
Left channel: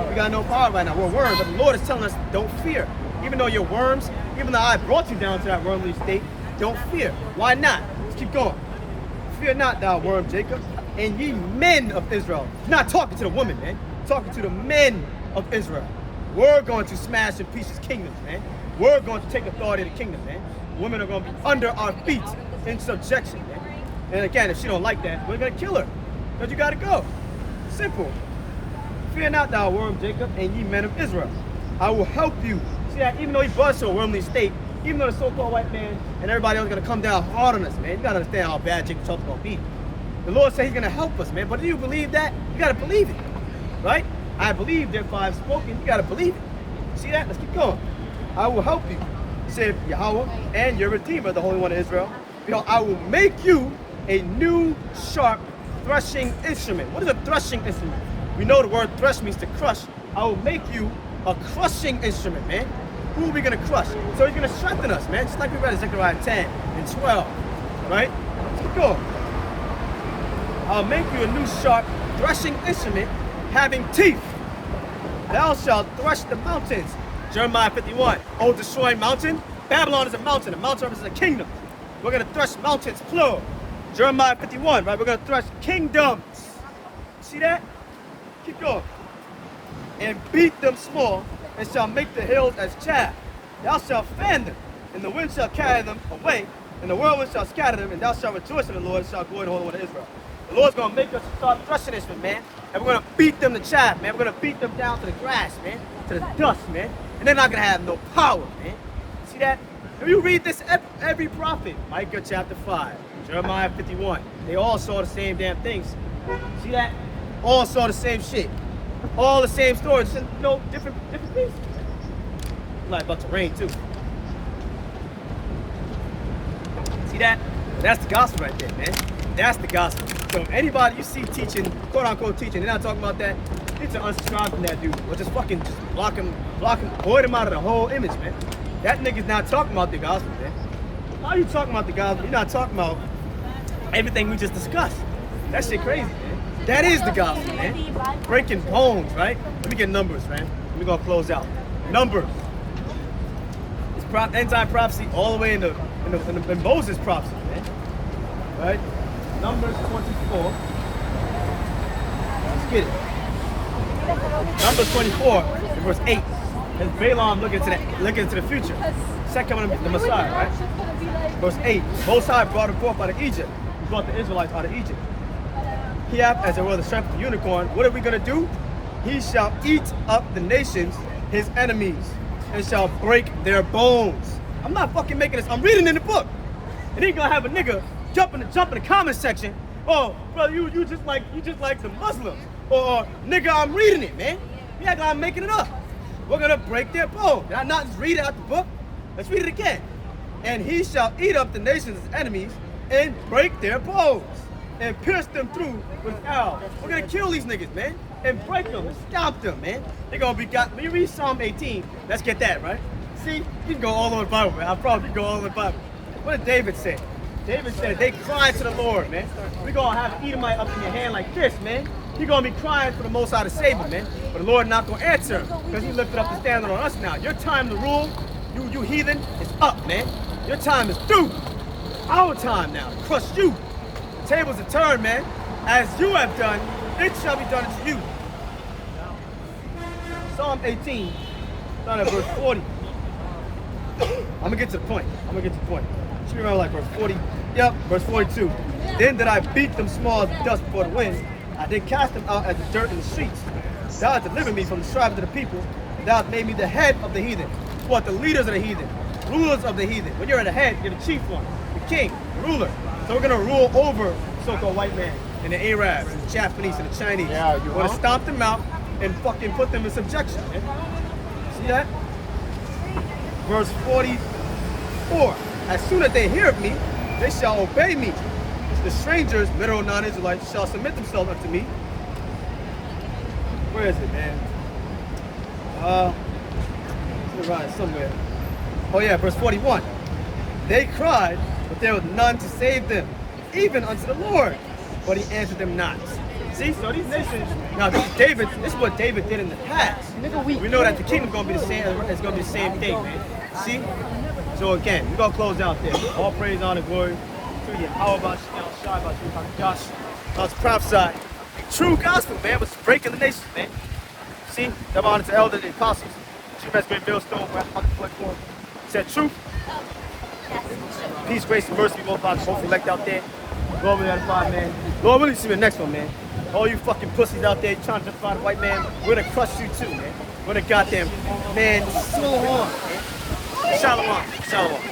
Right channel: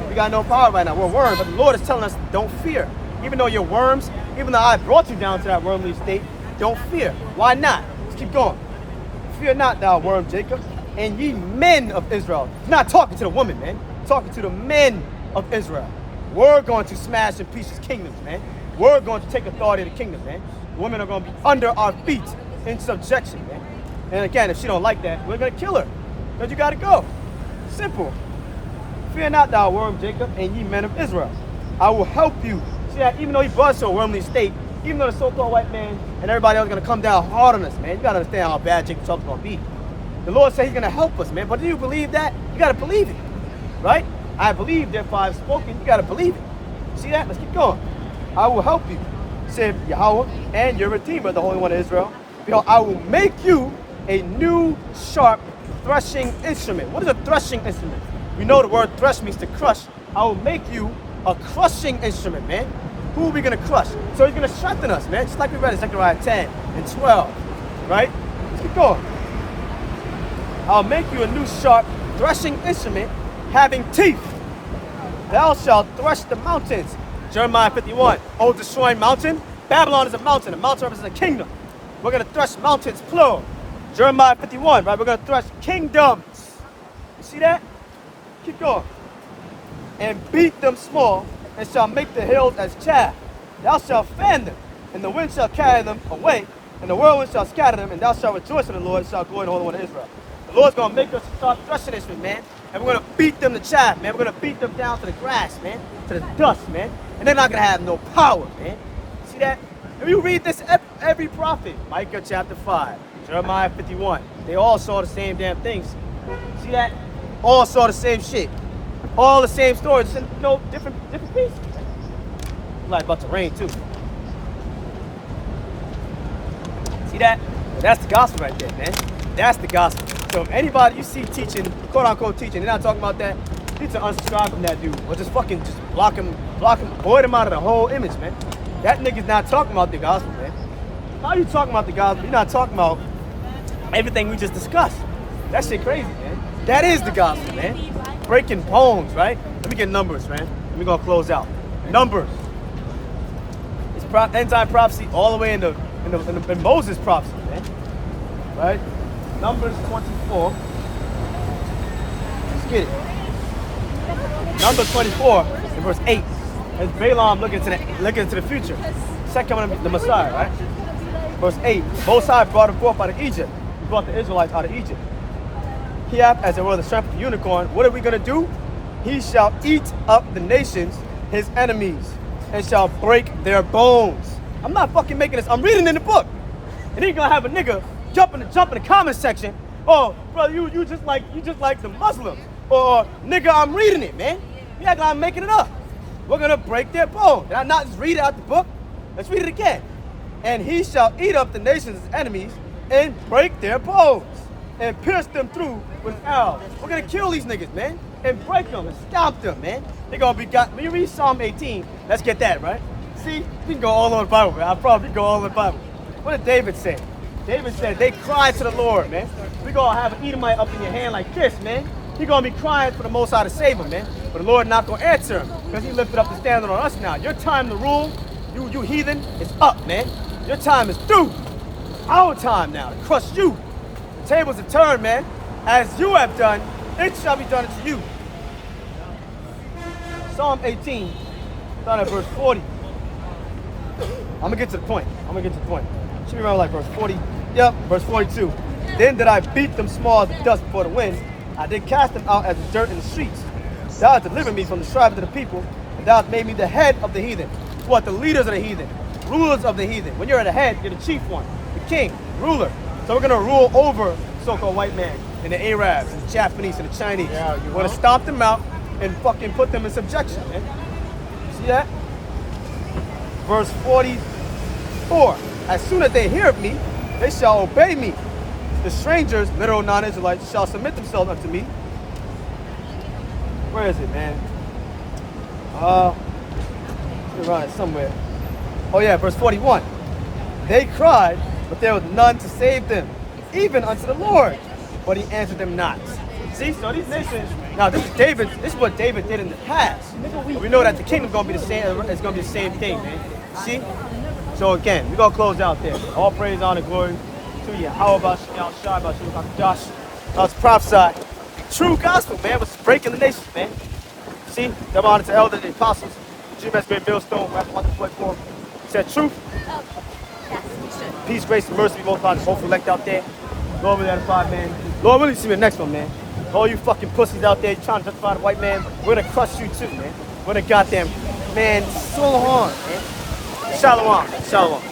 We got no power right now. We're worms, but the Lord is telling us, don't fear. Even though you're worms, even though I brought you down to that wormly state, don't fear. Why not? Let's keep going. Fear not, thou worm Jacob, and ye men of Israel. He's not talking to the woman, man. He's talking to the men of Israel. We're going to smash in pieces kingdoms, man. We're going to take authority of the kingdom, man. Women are going to be under our feet in subjection, man. And again, if she don't like that, we're going to kill her. Because you got to go. Simple. Fear not, thou worm Jacob, and ye men of Israel. I will help you. See that even though he brought us to a wormly state, even though the so-called white man and everybody else is going to come down hard on us, man. You got to understand how bad Jacob Trump's going to be. The Lord said he's going to help us, man. But do you believe that? You got to believe it. Right? I believe, therefore I've spoken. You got to believe it. See that? Let's keep going. I will help you, said Yahweh, and your Redeemer, the Holy One of Israel. You know, I will make you a new sharp threshing instrument. What is a threshing instrument? You know the word thresh means to crush. I will make you a crushing instrument, man. Who are we going to crush? So he's going to strengthen us, man. Just like we read in Zechariah 10 and 12, right? Let's keep going. I'll make you a new sharp threshing instrument having teeth. Thou shalt thresh the mountains. Jeremiah 51. Oh, destroying mountain. Babylon is a mountain. A mountain represents a kingdom. We're going to thresh mountains, plural. Jeremiah 51, right? We're going to thresh kingdoms. You see that? Keep going. And beat them small, and shall make the hills as chaff. Thou shalt fan them, and the wind shall carry them away, and the whirlwind shall scatter them, and thou shalt rejoice in the Lord, and shalt glory in the Holy One of Israel. The Lord's gonna make us start threshing this, man. And we're gonna beat them to chaff, man. We're gonna beat them down to the grass, man, to the dust, man. And they're not gonna have no power, man. See that? If you read this, every prophet, Micah chapter 5, Jeremiah 51, they all saw the same damn things. See that? All saw the same shit. All the same stories, just no different pieces. It's like about to rain too. See that? Well, that's the gospel right there, man. That's the gospel. So anybody you see teaching, quote unquote teaching, they're not talking about that, you need to unsubscribe from that dude. Or just fucking just block him, void him out of the whole image, man. That nigga's not talking about the gospel, man. How are you talking about the gospel? You're not talking about everything we just discussed. That shit crazy, man. That is the gospel, man. Breaking bones, right? Let me get numbers, man. We're gonna close out. Numbers. It's end-time prophecy all the way in Moses' prophecy, man. Right? Numbers 24. Let's get it. Numbers 24, in verse 8. As Balaam looking into the future. Second coming of the Messiah, right? Verse 8. The Most High brought him forth out of Egypt. He brought the Israelites out of Egypt. He hath, as it were, the serpent and unicorn. What are we going to do? He shall eat up the nations, his enemies, and shall break their bones. I'm not fucking making this. I'm reading in the book. And he's going to have a nigga jump in the comment section. Oh, bro, you just like the Muslims. Or, nigga, I'm reading it, man. You act like I'm making it up. We're going to break their bones. Did I not just read it out the book? Let's read it again. And he shall eat up the nations, his enemies, and break their bones, and pierce them through with arrows. We're gonna kill these niggas, man, and break them and stomp them, man. They gonna be got. When you read Psalm 18, let's get that, right? See, you can go all over the Bible, man. I'll probably go all over the Bible. What did David say? David said, they cried to the Lord, man. We gonna have an Edomite up in your hand like this, man. He gonna be crying for the Most High to save him, man. But the Lord not gonna answer him, because he lifted up the standard on us now. Your time to rule, you heathen, is up, man. Your time is through. It's our time now to crush you. The tables are turned, man. As you have done, it shall be done unto you. Psalm 18, starting at verse 40. I'm gonna get to the point. Should be around like verse 40. Yep, verse 42. Then did I beat them small as the dust before the wind. I did cast them out as the dirt in the streets. Thou hast delivered me from the tribes of the people, and thou hast made me the head of the heathen. What? The leaders of the heathen, rulers of the heathen. When you're the head, you're the chief one, the king, the ruler. So we're gonna rule over so-called white man and the Arabs, and the Japanese, and the Chinese. Yeah, we're gonna stomp them out and fucking put them in subjection, man. See that? Verse 44. As soon as they hear of me, they shall obey me. The strangers, literal non-Israelites, shall submit themselves unto me. Where is it, man? It's around somewhere. Oh yeah, verse 41. They cried, but there was none to save them, even unto the Lord. But he answered them not. See, so these nations, now this is what David did in the past. But we know that the kingdom's gonna be the same, it's gonna be the same thing, man. See? So again, we're gonna close out there. All praise, honor, glory to you. How about Josh? I was prophesied. True gospel, man, was breaking the nation, man. See? Double honor to elders, the apostles, GMS Great Millstone, we're at 144. Said truth. Oh, yes, we should. Peace, grace, and mercy be multiplied. Both elect out there. Lord, we got man. Lord, we'll see you the next one, man. All you fucking pussies out there trying to justify the white man, we're gonna crush you too, man. We're gonna goddamn, man, so hard, man. Shalom.